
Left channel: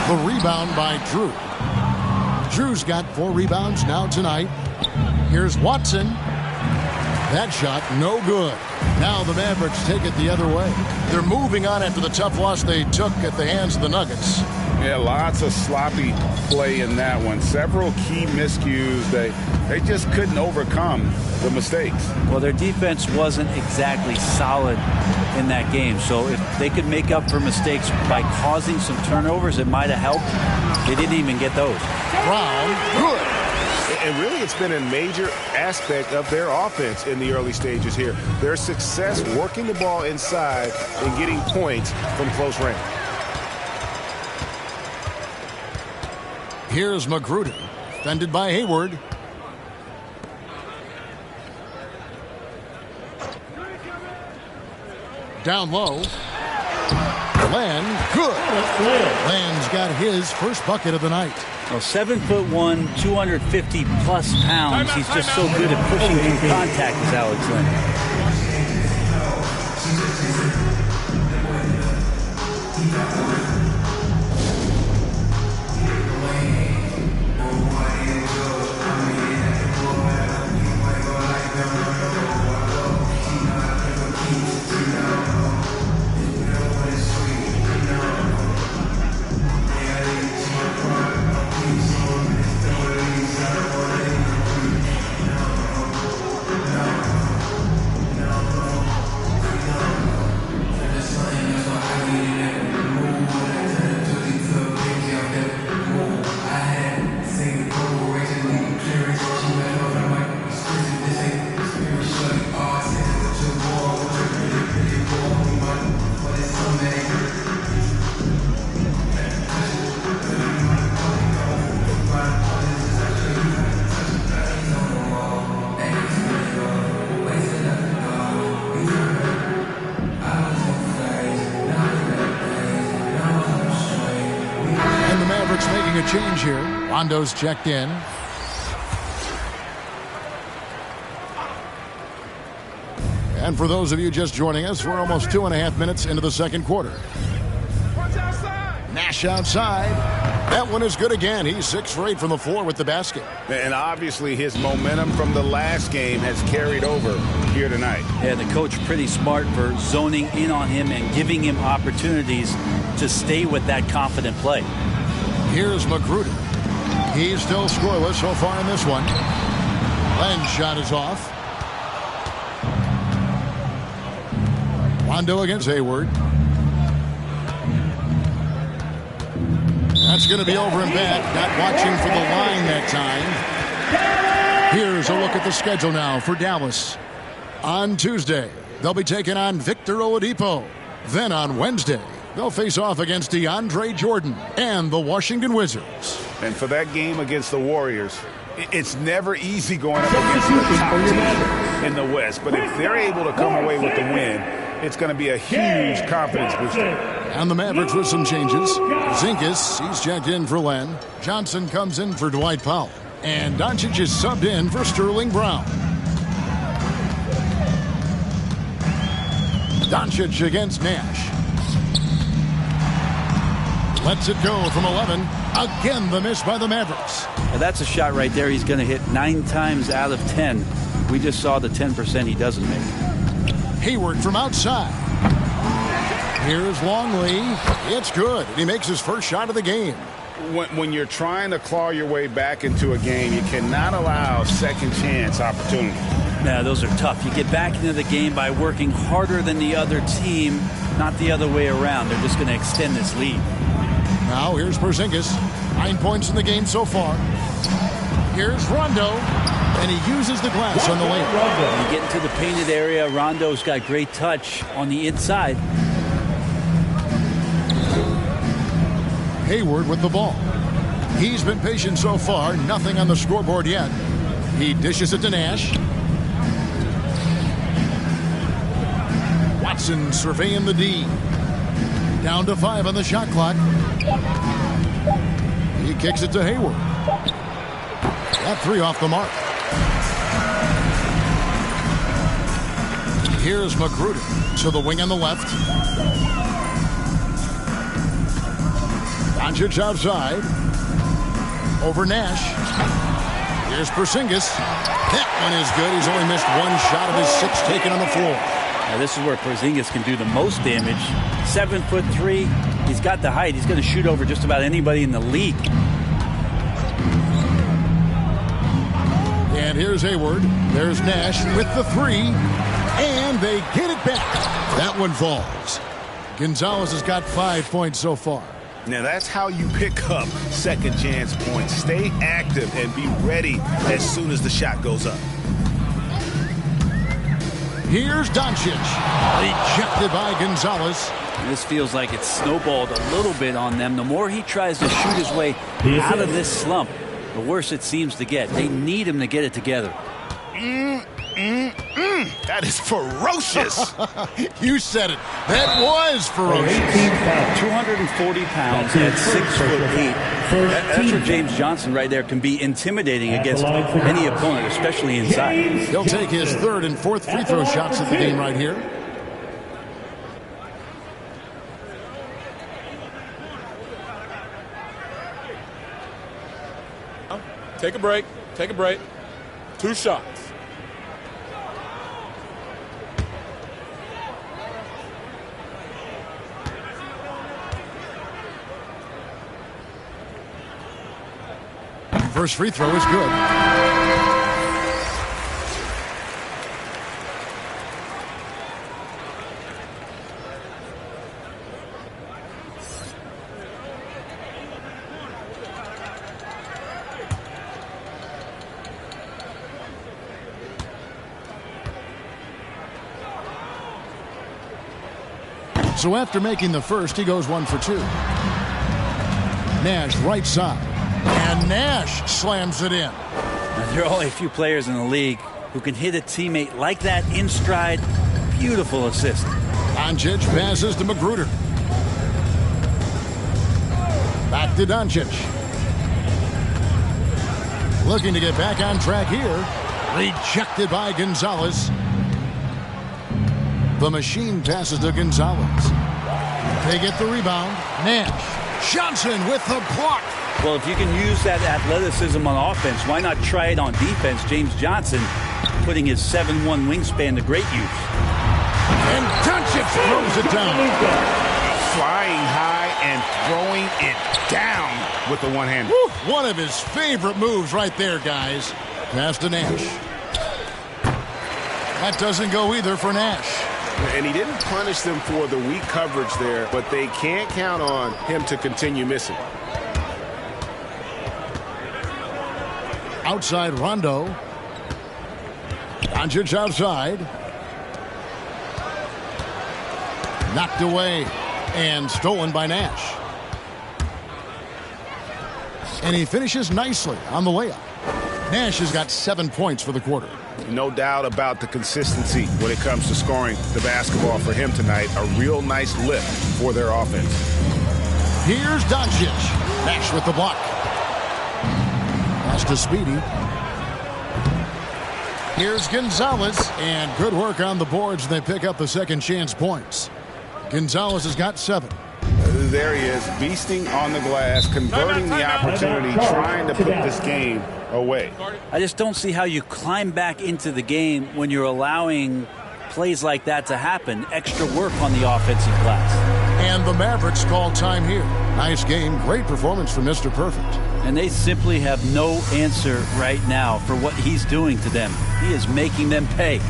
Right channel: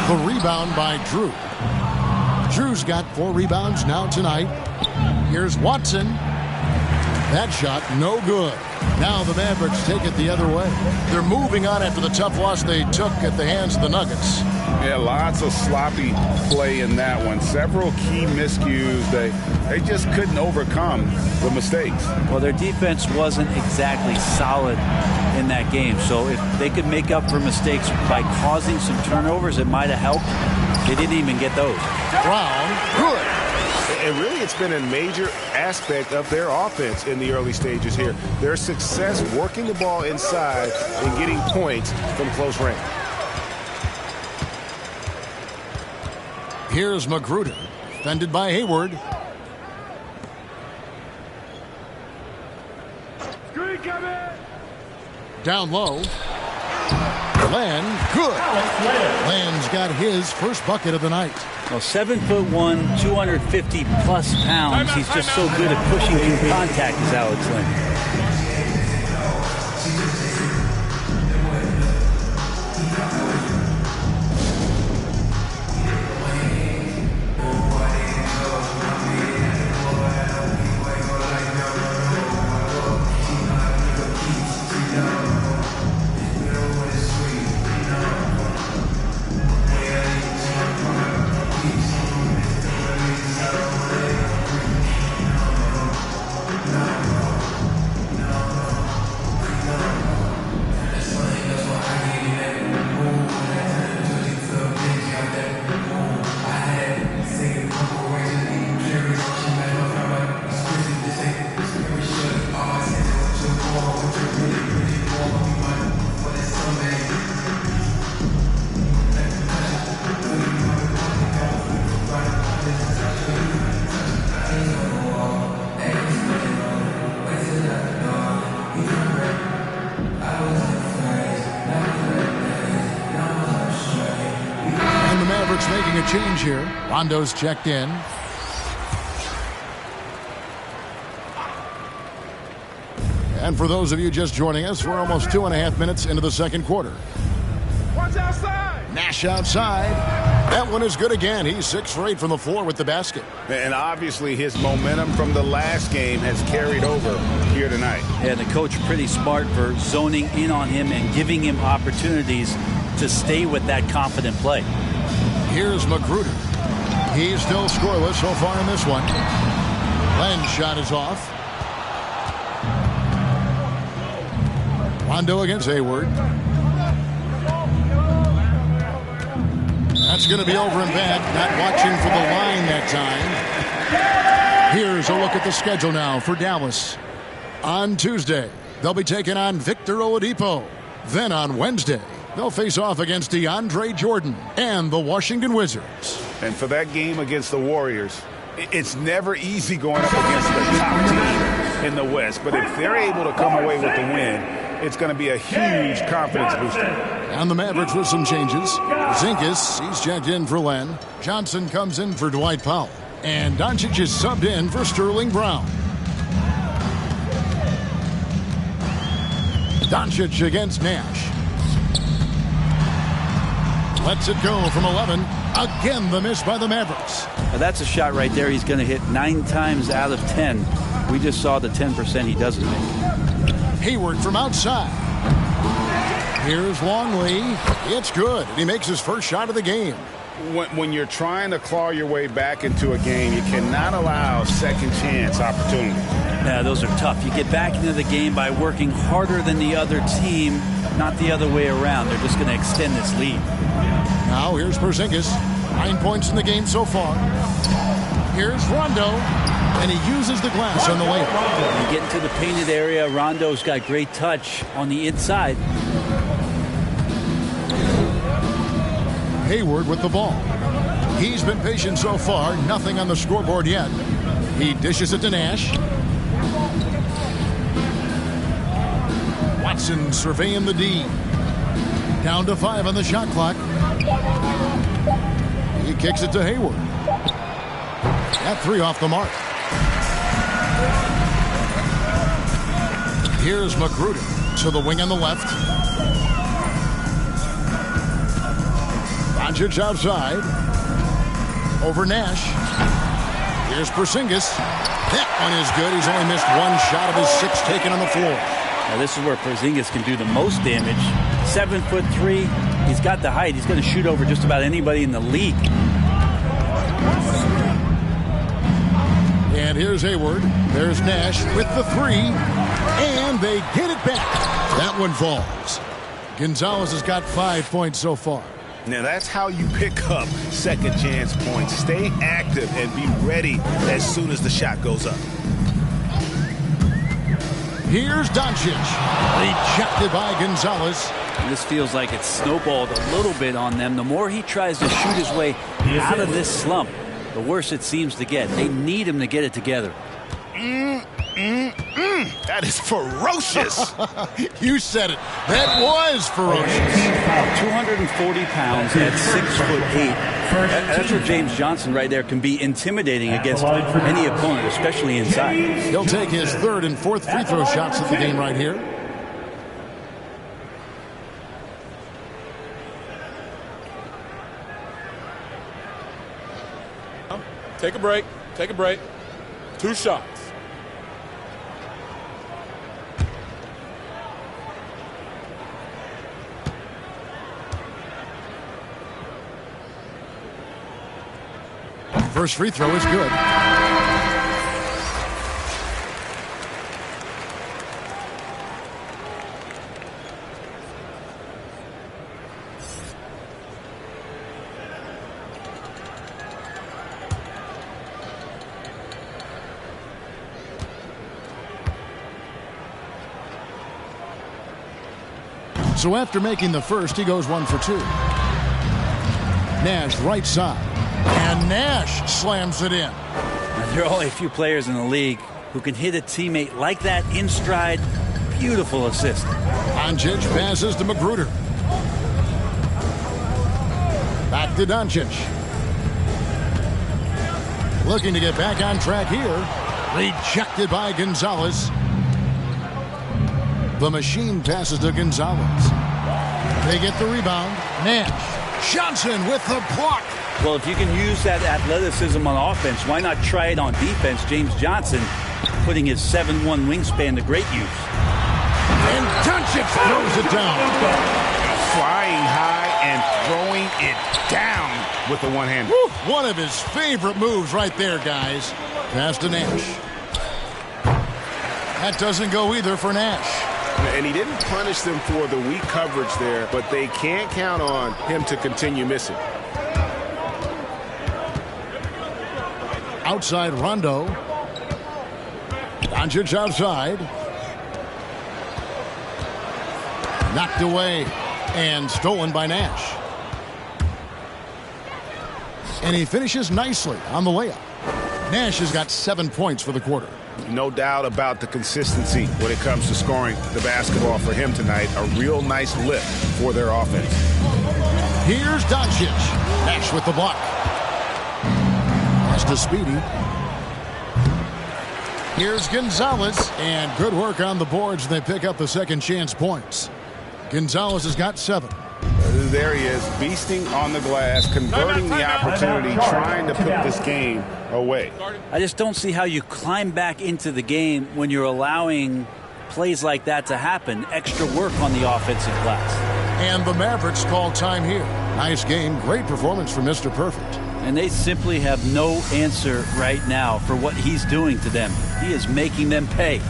The rebound by Drew. Drew's got 4 rebounds now tonight. Here's Watson. That shot, no good. Now the Mavericks take it the other way. They're moving on after the tough loss they took at the hands of the Nuggets. Yeah, lots of sloppy play in that one. Several key miscues. They just couldn't overcome the mistakes. Well, their defense wasn't exactly solid in that game. So if they could make up for mistakes by causing some turnovers, it might have helped. They didn't even get those. Brown, good. And really, it's been a major aspect of their offense in the early stages here. Their success working the ball inside and getting points from close range. Here's Magruder, defended by Hayward. Down low. Land, good. Land's got his first bucket of the night. Well, 7'1", 250+ pounds. He's just so good at pushing through contact, is Alex Len. Making a change here. Rondo's checked in. And for those of you just joining us, we're almost 2.5 minutes into the second quarter. Watch outside. Nash outside. That one is good again. He's 6 for 8 from the floor with the basket. And obviously his momentum from the last game has carried over here tonight. Yeah, the coach pretty smart for zoning in on him and giving him opportunities to stay with that confident play. Here's Magruder. He's still scoreless so far in this one. Len's shot is off. Rondo against Hayward. That's going to be over and back. Not watching for the line that time. Here's a look at the schedule now for Dallas. On Tuesday, they'll be taking on Victor Oladipo. Then on Wednesday, they'll face off against DeAndre Jordan and the Washington Wizards. And for that game against the Warriors, it's never easy going up against the top team in the West. But if they're able to come away with the win, it's going to be a huge confidence booster. And the Mavericks with some changes. Zinkis, he's checked in for Len. Johnson comes in for Dwight Powell. And Doncic is subbed in for Sterling Brown. Doncic against Nash. Lets it go from 11. Again, the miss by the Mavericks. Now that's a shot right there he's going to hit 9 times out of 10. We just saw the 10% he doesn't make. Hayward from outside. Here's Longley. It's good. And he makes his first shot of the game. When you're trying to claw your way back into a game, you cannot allow second chance opportunities. Now, those are tough. You get back into the game by working harder than the other team, not the other way around. They're just going to extend this lead. Now here's Porzingis. 9 points in the game so far. Here's Rondo. And he uses the glass on the layup. You get into the painted area. Rondo's got great touch on the inside. Hayward with the ball. He's been patient so far. Nothing on the scoreboard yet. He dishes it to Nash. Watson surveying the D. Down to 5 on the shot clock. He kicks it to Hayward. That 3 off the mark. Here's Magruder to the wing on the left. Doncic outside. Over Nash. Here's Porzingis. That one is good. He's only missed 1 shot of his 6 taken on the floor. Now this is where Porzingis can do the most damage. 7'3". He's got the height. He's going to shoot over just about anybody in the league. And here's Hayward. There's Nash with the 3. And they get it back. That one falls. Gonzalez has got 5 points so far. Now that's how you pick up second chance points. Stay active and be ready as soon as the shot goes up. Here's Doncic. Rejected by Gonzalez. This feels like it's snowballed a little bit on them. The more he tries to shoot his way out of this slump, the worse it seems to get. They need him to get it together. That is ferocious. You said it. That was ferocious. 240 pounds at 6'8". That's where James Johnson right there can be intimidating against any opponent, especially inside. He'll take his 3rd and 4th free throw shots of the game right here. Take a break. Take a break. 2 shots. First free throw is good. So after making the first, he goes 1 for 2. Nash right side. And Nash slams it in. Now, there are only a few players in the league who can hit a teammate like that in stride. Beautiful assist. Doncic passes to Magruder. Back to Doncic. Looking to get back on track here. Rejected by Gonzalez. The machine passes to Gonzalez. They get the rebound. Nash Johnson with the block. Well, if you can use that athleticism on offense, why not try it on defense? James Johnson putting his 7'1" wingspan to great use. And Doncic throws it down. Flying high and throwing it down with the one-hander. One of his favorite moves right there, guys. Pass to Nash. That doesn't go either for Nash. And he didn't punish them for the weak coverage there, but they can't count on him to continue missing. Outside Rondo. Doncic outside. Knocked away and stolen by Nash. And he finishes nicely on the layup. Nash has got 7 points for the quarter. No doubt about the consistency when it comes to scoring the basketball for him tonight. A real nice lift for their offense. Here's Doncic. Nash with the block. Pass to Speedy. Here's Gonzalez. And good work on the boards. They pick up the second chance points. Gonzalez has got 7. There he is, beasting on the glass, converting the opportunity, trying to put this game away. I just don't see how you climb back into the game when you're allowing plays like that to happen. Extra work on the offensive glass. And the Mavericks call time here. Nice game, great performance from Mr. Perfect. And they simply have no answer right now for what he's doing to them. He is making them pay.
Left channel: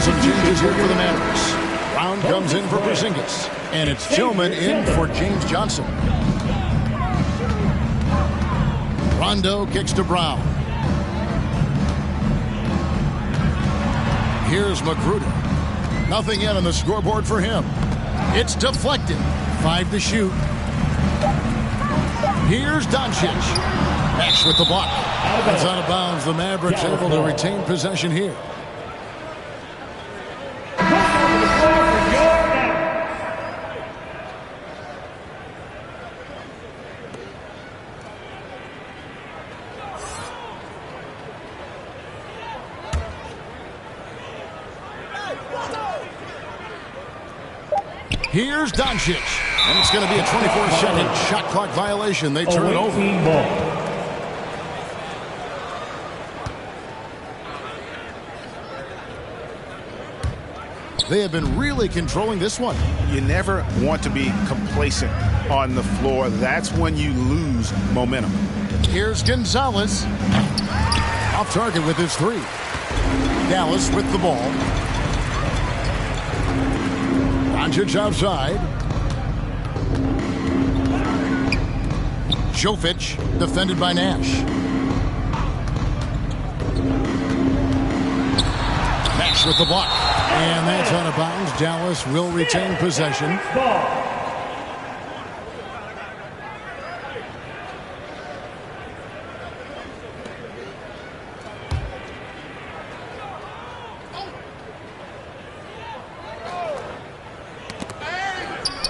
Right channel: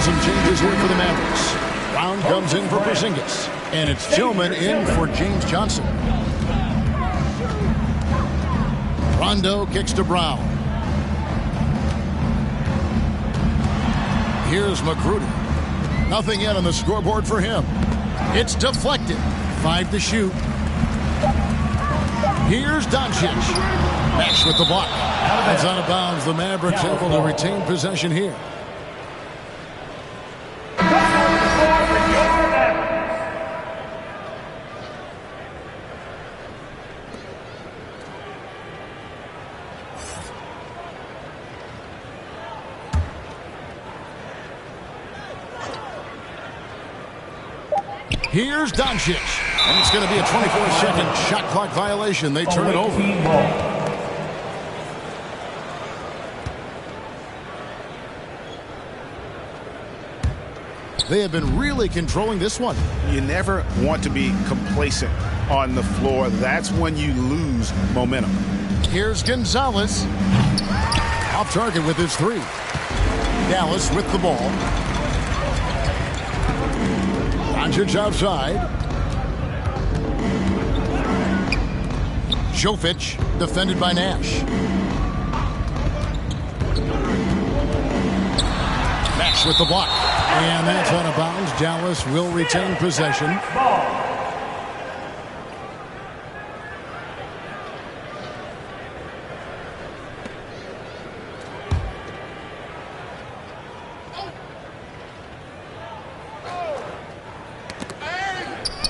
Some changes here for the Mavericks. Brown comes in for Porzingis. And it's Tillman in for James Johnson. Rondo kicks to Brown. Here's Magruder. Nothing yet on the scoreboard for him. It's deflected. 5 to shoot. Here's Doncic. Nash with the block. That's out of bounds. The Mavericks able to retain possession here. Here's Doncic. And it's going to be a 24-second shot clock violation. They turn it over. They have been really controlling this one. You never want to be complacent on the floor. That's when you lose momentum. Here's Gonzalez. Off target with his 3. Dallas with the ball. Doncic outside. Jovic defended by Nash. Nash with the block. And that's out of bounds. Dallas will retain possession.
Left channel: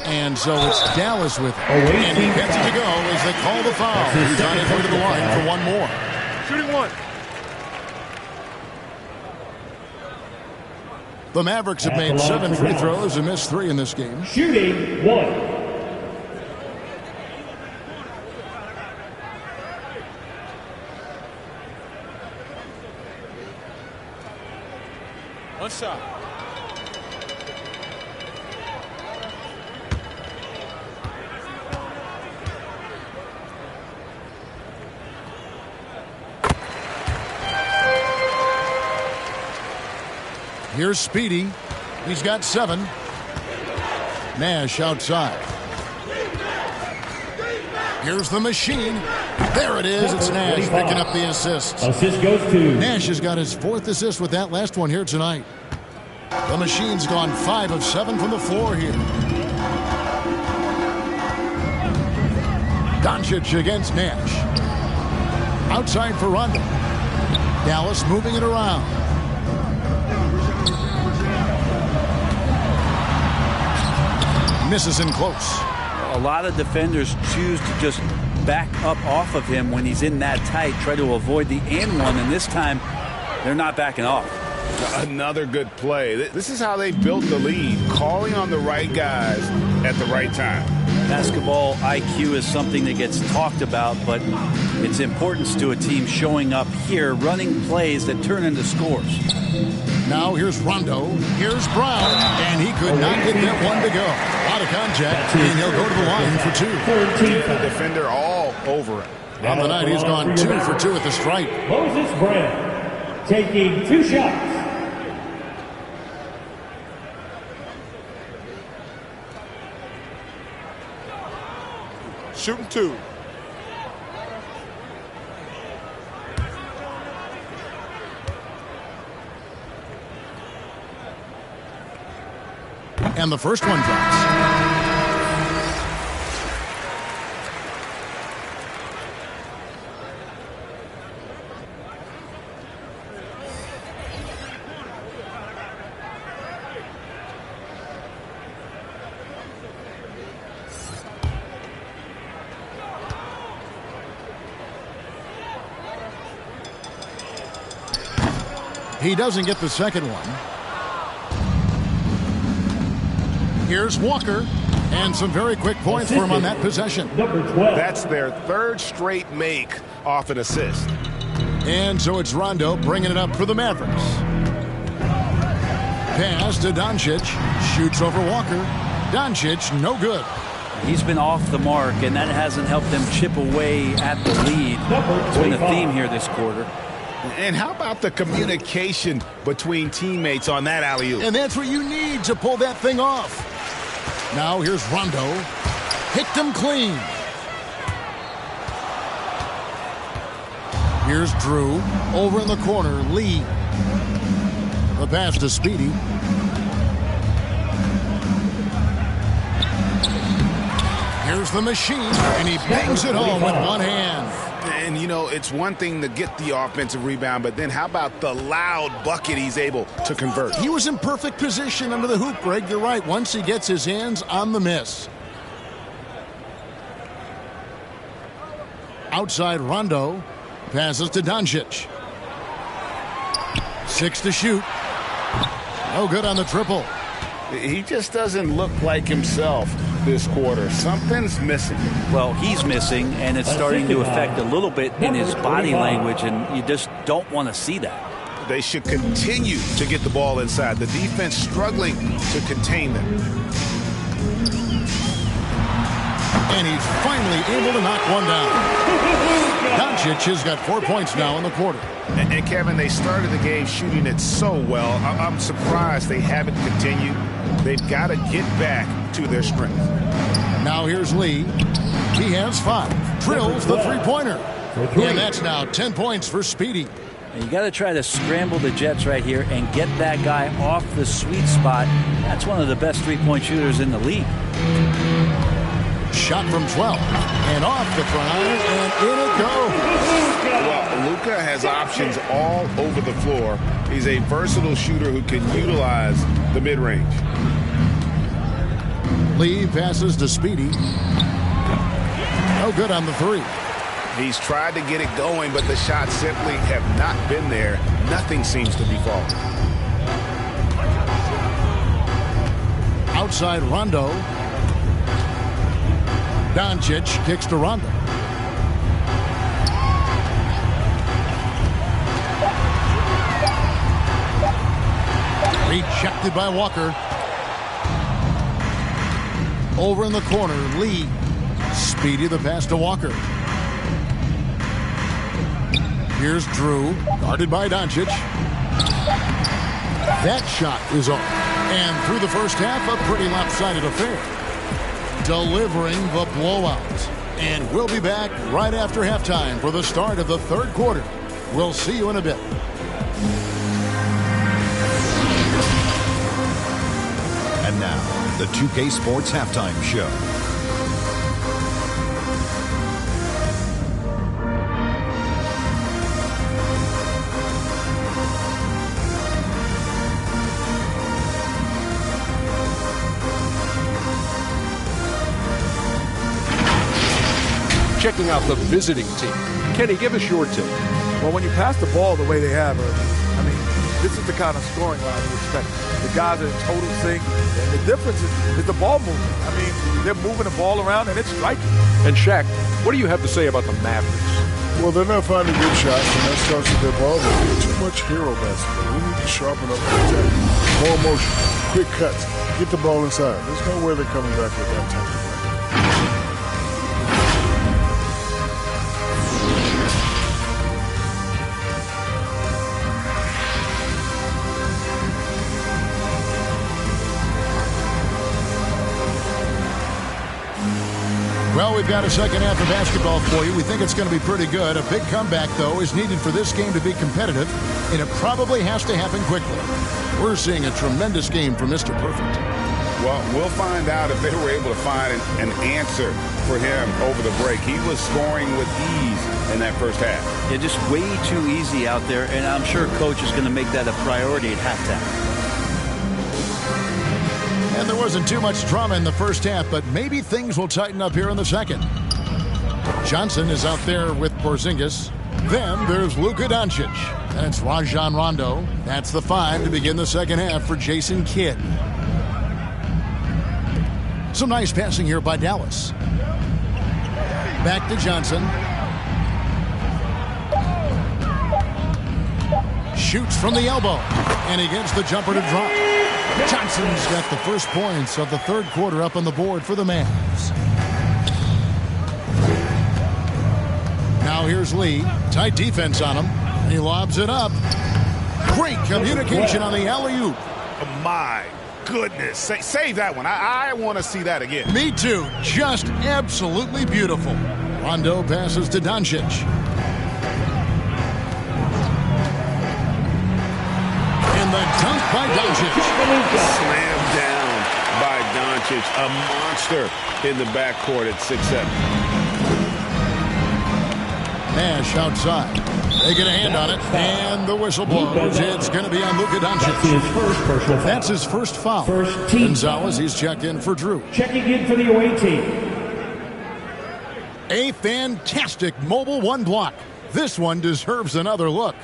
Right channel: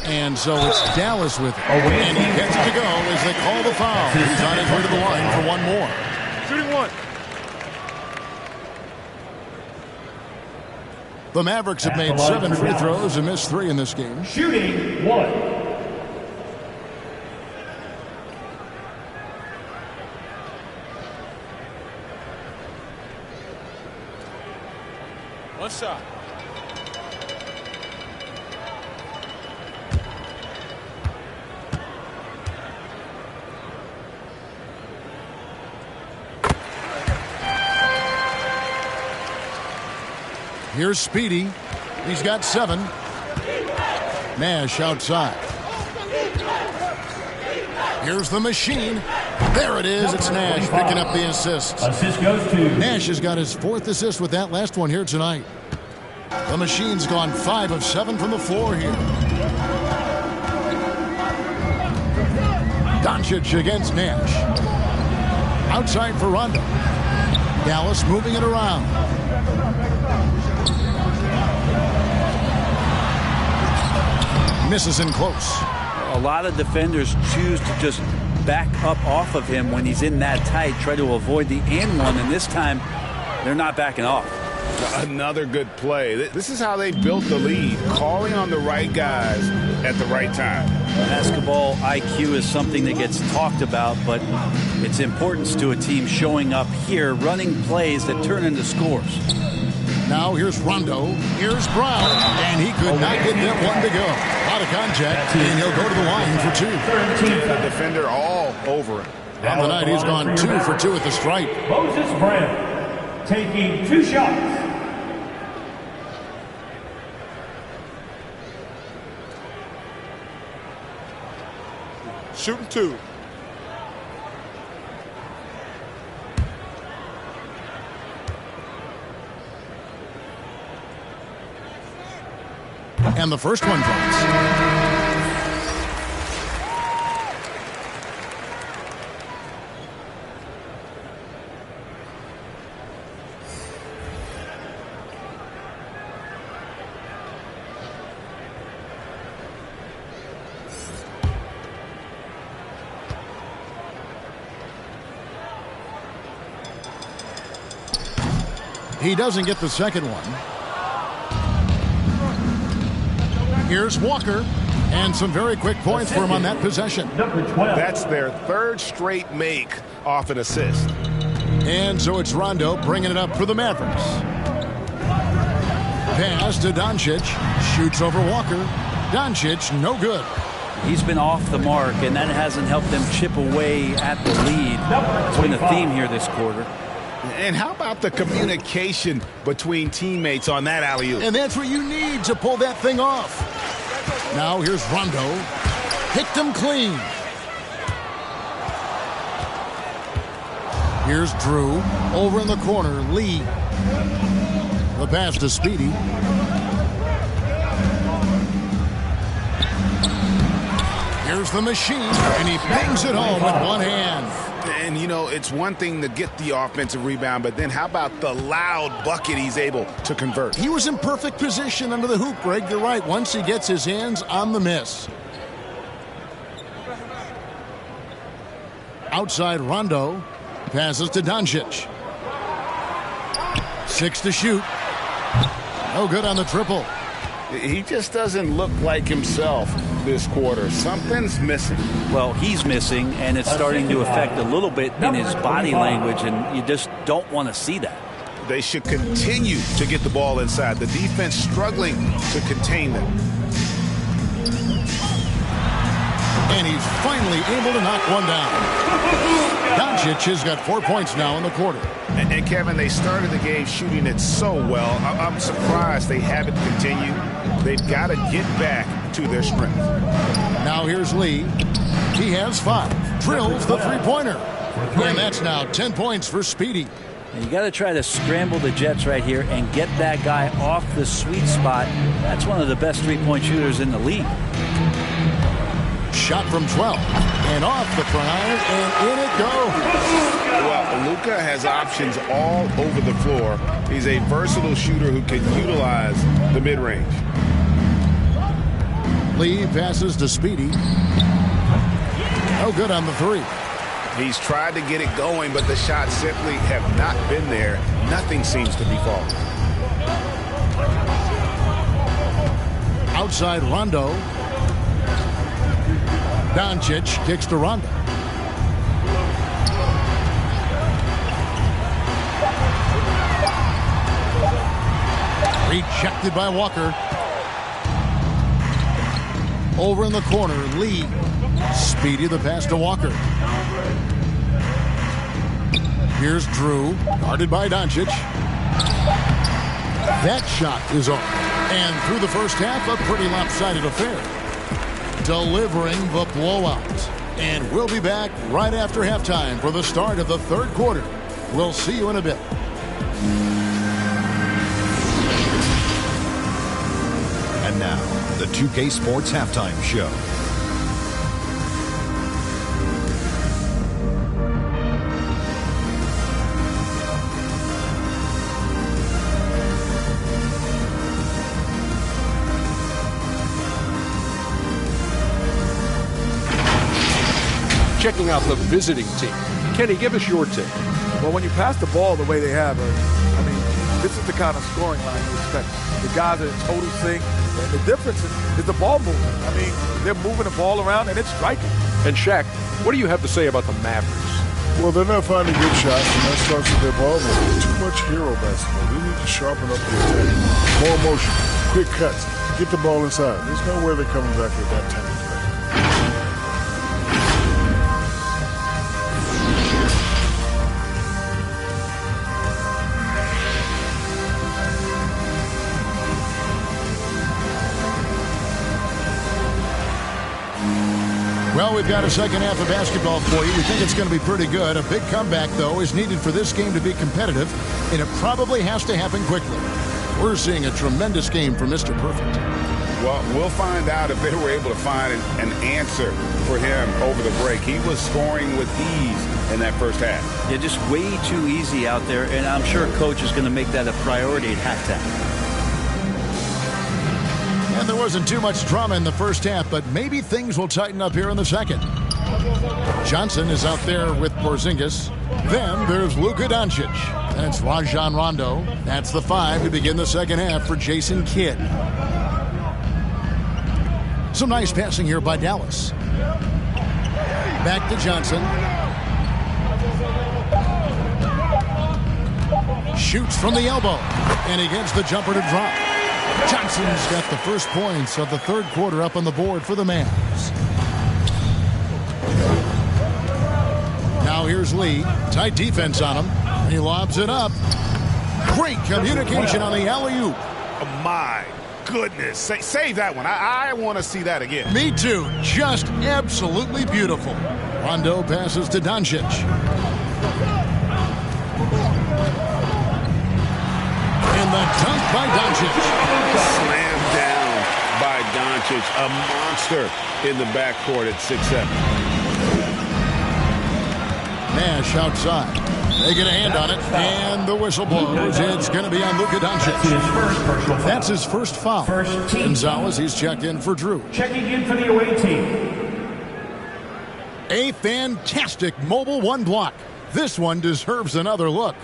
And so it's Dallas with it. And he gets it to go as they call the foul. He's on his way to the line for one more. Shooting one. The Mavericks have made 7 free throws and missed 3 in this game. Shooting 1. One shot. Here's Speedy. He's got 7. Nash outside. Here's the machine. There it is. It's Nash picking up the assist. Assist goes to Nash has got his 4th assist with that last one here tonight. The machine's gone 5 of 7 from the floor here. Doncic against Nash. Outside for Rondo. Dallas moving it around. Misses in close. A lot of defenders choose to just back up off of him when he's in that tight, try to avoid the and one, and this time they're not backing off. Another good play. This is how they built the lead, calling on the right guys at the right time. Basketball IQ is something that gets talked about, but its importance to a team showing up here, running plays that turn into scores. Now here's Rondo, here's Brown, and he could not get that one to go. A lot of contact, and he'll go to the line for 2. Yeah, the defender all over him. On the night, he's gone 2 for 2 at the stripe. Moses Brown taking 2 shots. Shooting 2. And the first one drops. He doesn't get the second one. Here's Walker, and some very quick points for him on that possession. Number 12. That's their 3rd straight make off an assist. And so it's Rondo bringing it up for the Mavericks. Pass to Doncic, shoots over Walker. Doncic, no good. He's been off the mark, and that hasn't helped them chip away at the lead. It's been a theme here this quarter. And how about the communication between teammates on that alley-oop? And that's what you need to pull that thing off. Now here's Rondo. Picked him clean. Here's Drew. Over in the corner, Lee. The pass to Speedy. Here's the machine, and he bangs it home with one hand. And, you know, it's one thing to get the offensive rebound, but then how about the loud bucket he's able to convert? He was in perfect position under the hoop, Greg. You're right. Once he gets his hands on the miss. Outside Rondo. Passes to Doncic. 6 to shoot. No good on the triple. He just doesn't look like himself this quarter. Something's missing. Well, he's missing, and it's starting to affect a little bit in his body language, and you just don't want to see that. They should continue to get the ball inside. The defense struggling to contain them. And he's finally able to knock one down. Doncic has got 4 points now in the quarter. And Kevin, they started the game shooting it so well. I'm surprised they haven't continued. They've got to get back to their strength. Now here's Lee. He has 5. Drills the three-pointer. And that's now 10 points for Speedy. And you got to try to scramble the Jets right here and get that guy off the sweet spot. That's one of the best three-point shooters in the league. Shot from 12 and off the front iron, and in it goes. Well, Luka has options all over the floor. He's a versatile shooter who can utilize the mid-range. Lee passes to Speedy. No good on the 3. He's tried to get it going, but the shots simply have not been there. Nothing seems to be falling. Outside Rondo. Doncic kicks to Rondo. Rejected by Walker. Over in the corner, Lee. Speedy the pass to Walker. Here's Drew, guarded by Doncic. That shot is off. And through the first half, a pretty lopsided affair. Delivering the blowout. And we'll be back right after halftime for the start of the third quarter. We'll see you in a bit. And now, the 2K Sports Halftime Show. Checking out the visiting team. Kenny, give us your take. Well, when you pass the ball the way they have, I mean, this is the kind of scoring line you expect. The guys are in total sync, and the difference is the ball movement. I mean, they're moving the ball around, and it's striking. And Shaq, what do you have to say about the Mavericks? Well, they're not finding good shots, and that starts with their ball movement. Too much hero basketball. They need to sharpen up the attack. More motion, quick cuts, get the ball inside. There's no way they're coming back with that type of play. Well, we've got a second half of basketball for you. We think it's going to be pretty good. A big comeback, though, is needed for this game to be competitive, and it probably has to happen quickly. We're seeing a tremendous game from Mr. Perfect. Well, we'll find out if they were able to find an answer for him over the break. He was scoring with ease in that first half. Yeah, just way too easy out there, and I'm sure Coach is going to make that a priority at halftime. And there wasn't too much drama in the first half, but maybe things will tighten up here in the second. Johnson is out there with Porzingis. Then there's Luka Doncic. That's Rajon Rondo. That's the 5 to begin the second half for Jason Kidd. Some nice passing here by Dallas. Back to Johnson. Shoots from the elbow. And he gets the jumper to drop. Johnson's got the first points of the third quarter up on the board for the Mavs. Now here's Lee. Tight defense on him. And he lobs it up. Great communication on the alley-oop. Oh, my goodness. Save that one. I want to see that again. Me too. Just absolutely beautiful. Rondo passes to Doncic. And the dunk by Doncic. Slammed down by Doncic. A monster in the backcourt at 6'7". Nash outside. They get a hand on it, and the whistle blows. It's going to be on Luka Doncic. That's his first foul. Gonzalez, he's checked in for Drew. Checking in for the away team. A fantastic mobile one block. This one deserves another look.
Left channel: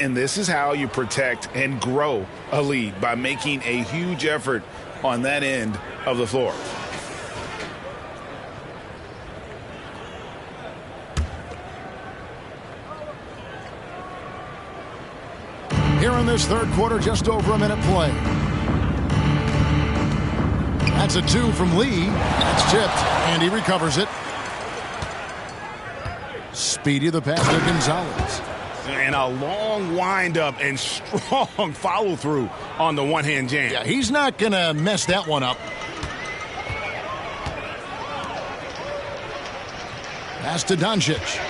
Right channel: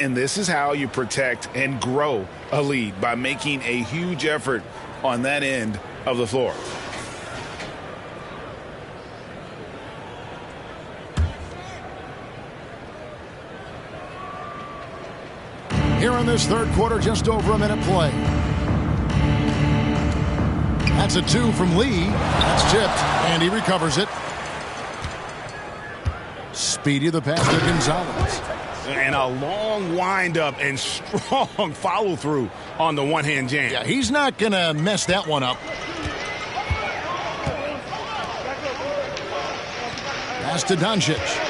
And this is how you protect and grow a lead, by making a huge effort on that end of the floor. Here in this third quarter, just over a minute play. That's a 2 from Lee. That's tipped, and he recovers it. Speedy the pass to Gonzalez. And a long windup and strong follow-through on the one-hand jam. Yeah, he's not going to mess that one up. Pass to Doncic.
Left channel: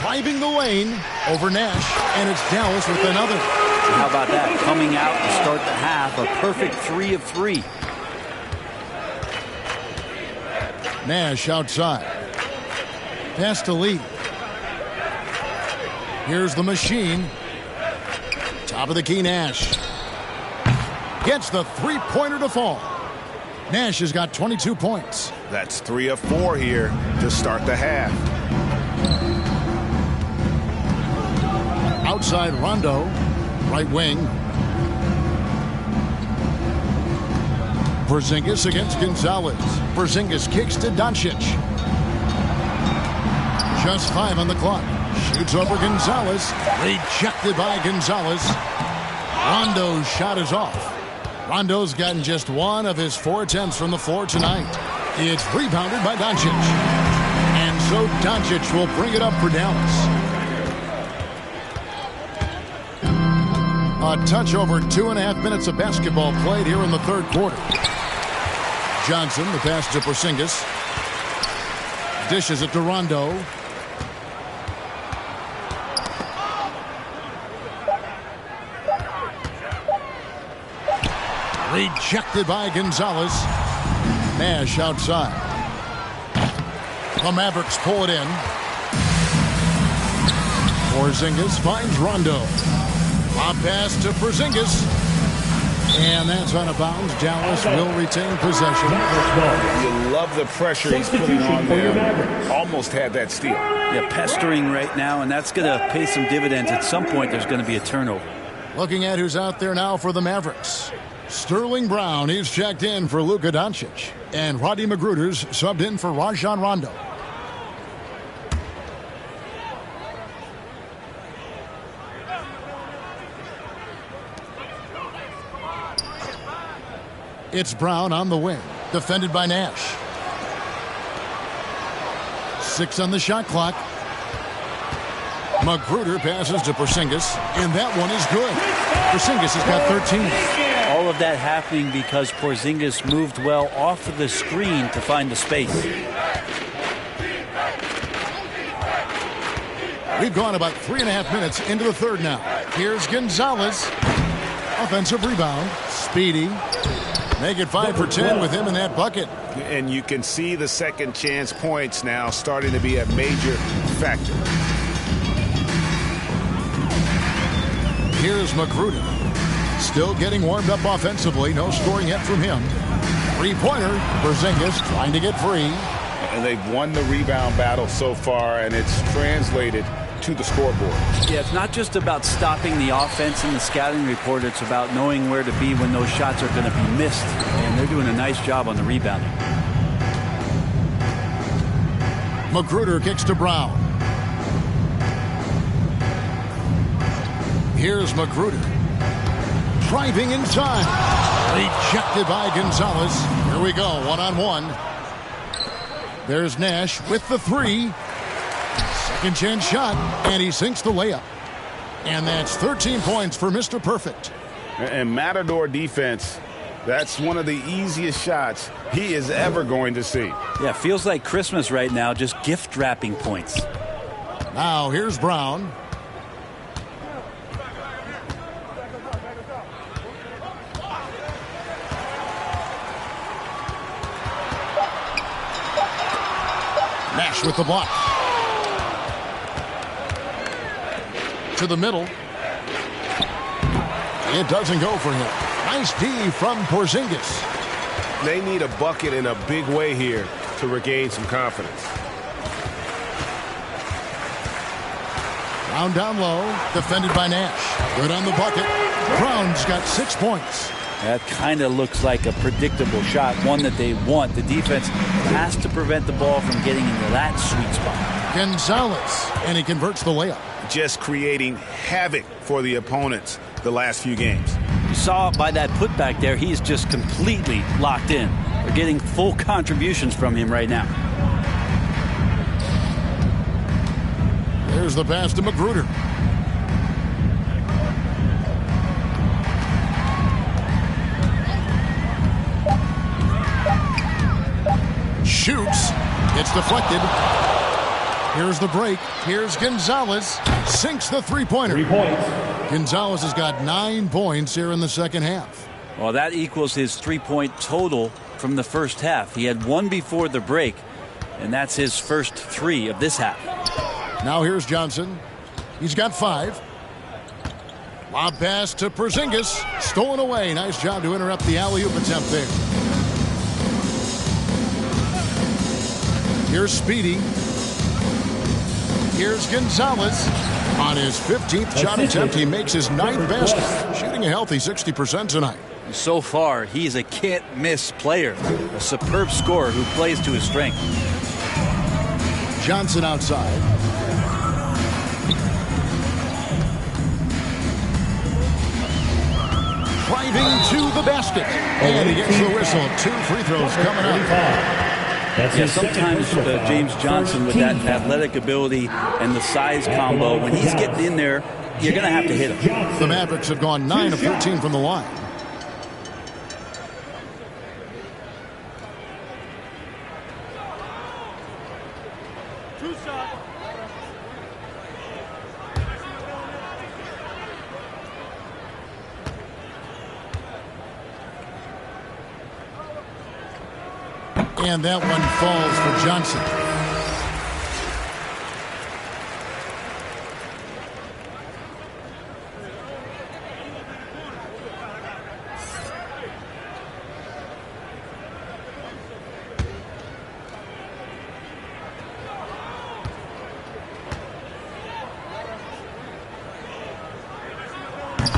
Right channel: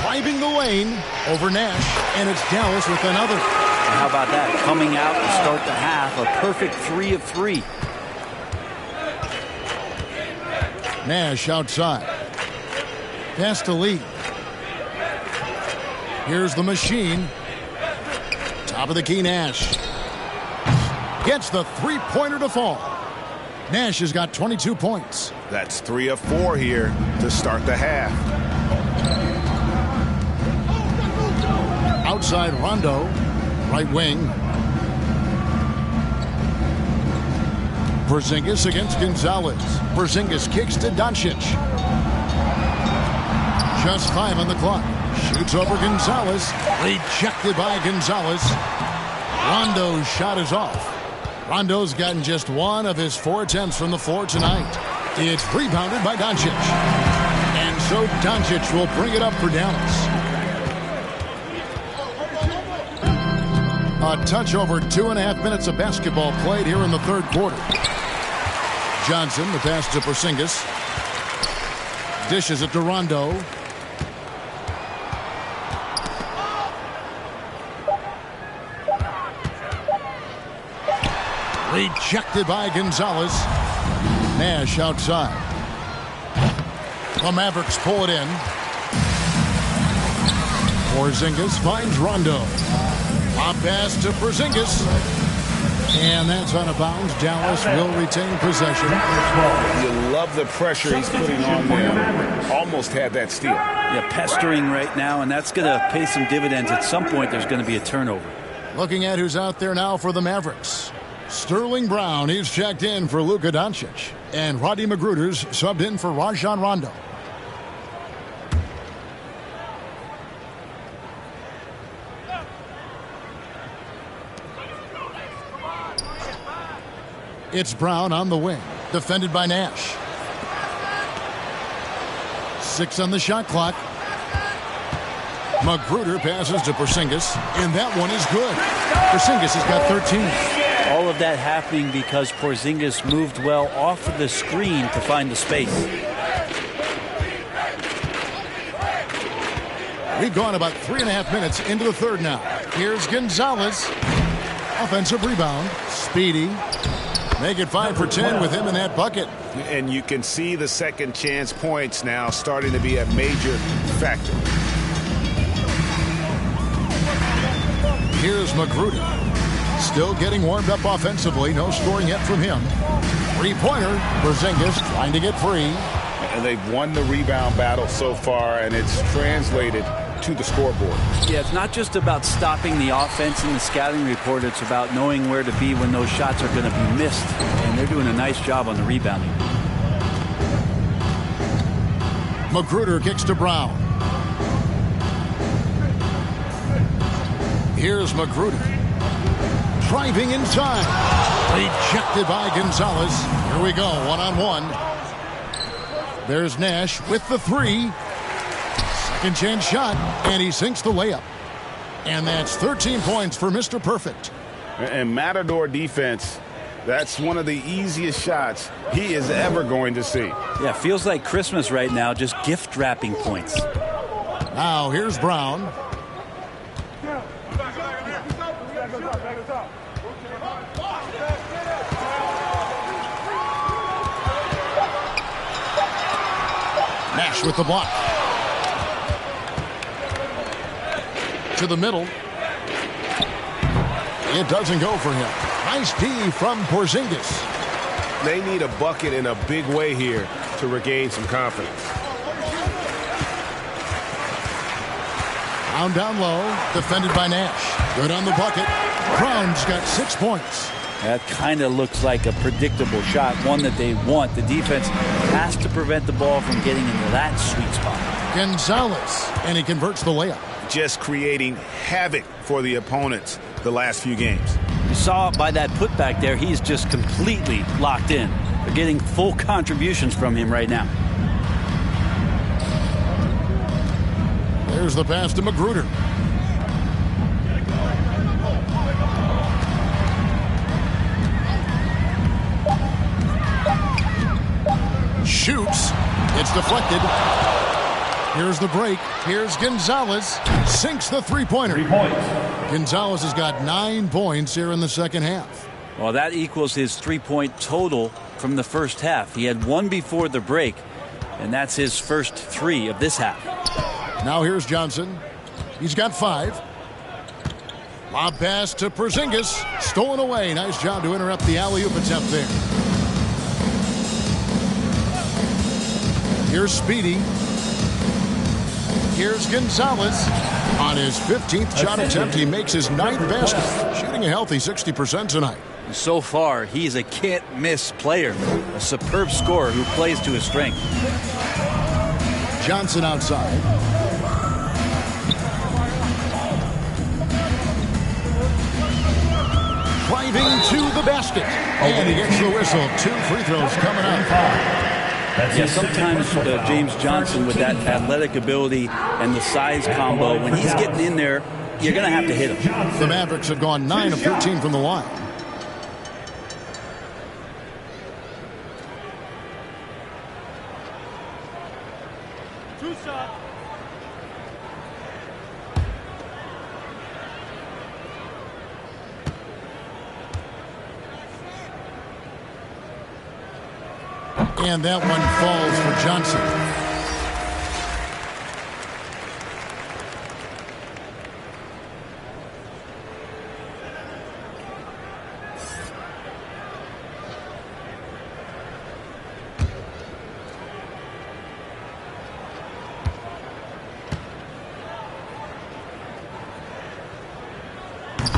Driving the lane over Nash, and it's Dallas with another. And how about that? Coming out to start the half, a perfect 3 of 3. Nash outside. Pass to Lee. Here's the machine. Top of the key, Nash. Gets the three-pointer to fall. Nash has got 22 points. That's 3 of 4 here to start the half. Outside Rondo. Right wing. Porzingis against Gonzalez. Porzingis kicks to Doncic. Just 5 on the clock. Shoots over Gonzalez. Rejected by Gonzalez. Rondo's shot is off. Rondo's gotten just 1 of his 4 attempts from the floor tonight. It's rebounded by Doncic. And so Doncic will bring it up for Dallas. A touch over 2.5 minutes of basketball played here in the third quarter. Johnson, the pass to Porzingis. Dishes it to Rondo. Rejected by Gonzalez. Nash outside. The Mavericks pull it in. Porzingis finds Rondo. Lob pass to Porzingis. And that's out of bounds. Dallas will retain possession. You love the pressure he's putting on them. Almost had that steal. Yeah, pestering right now, and that's going to pay some dividends. At some point, there's going to be a turnover. Looking at who's out there now for the Mavericks. Sterling Brown, he's checked in for Luka Doncic. And Rodney Magruder's subbed in for Rajon Rondo. It's Brown on the wing, defended by Nash. 6 on the shot clock. Magruder passes to Porzingis, and that one is good. Porzingis has got 13. All of that happening because Porzingis moved well off of the screen to find the space. We've gone about 3.5 minutes into the third now. Here's Gonzalez. Offensive rebound. Speedy. Make it 5 for 10 with him in that bucket. And you can see the second chance points now starting to be a major factor. Here's Magruder. Still getting warmed up offensively. No scoring yet from him. Three-pointer. Porzingis trying to get free. And they've won the rebound battle so far, and it's translated to the scoreboard. Yeah, it's not just about stopping the offense in the scouting report. It's about knowing where to be when those shots are going to be missed. And they're doing a nice job on the rebounding. Magruder kicks to Brown. Here's Magruder. Driving inside. Rejected by Gonzalez. Here we go, one-on-one. There's Nash with the three. Second chance shot, and he sinks the layup. And that's 13 points for Mr. Perfect. And Matador defense, that's one of the easiest shots he is ever going to see. Yeah, feels like Christmas right now, just gift wrapping points. Now here's Brown. Nash with the block. To the middle. It doesn't go for him. Nice D from Porzingis. They need a bucket in a big way here to regain some confidence. Brown down low, defended by Nash. Good on the bucket. Brown's got 6 points. That kind of looks like a predictable shot, one that they want. The defense has to prevent the ball from getting into that sweet spot. Gonzalez, and he converts the layup. Just creating havoc for the opponents the last few games. You saw by that putback there, he's just completely locked in. They're getting full contributions from him right now. There's the pass to Magruder. Shoots. It's deflected. Here's the break. Here's Gonzalez. Sinks the three-pointer. 3 points. Gonzalez has got 9 points here in the second half. Well, that equals his 3-point total from the first half. He had 1 before the break, and that's his first 3 of this half. Now here's Johnson. He's got 5. Lob pass to Porzingis. Stolen away. Nice job to interrupt the alley-oop attempt there. Here's Speedy. Here's Gonzalez. On his 15th shot attempt, he makes his 9th basket. Shooting a healthy 60% tonight. So far, he's a can't-miss player. A superb scorer who plays to his strength. Johnson outside. Driving to the basket. And he gets the whistle. 2 free throws coming up. Yeah, sometimes James Johnson with that athletic ability and the size combo, when he's getting in there, you're going to have to hit him. The Mavericks have gone 9 of 13 from the line. Two shot. And that one falls for Johnson.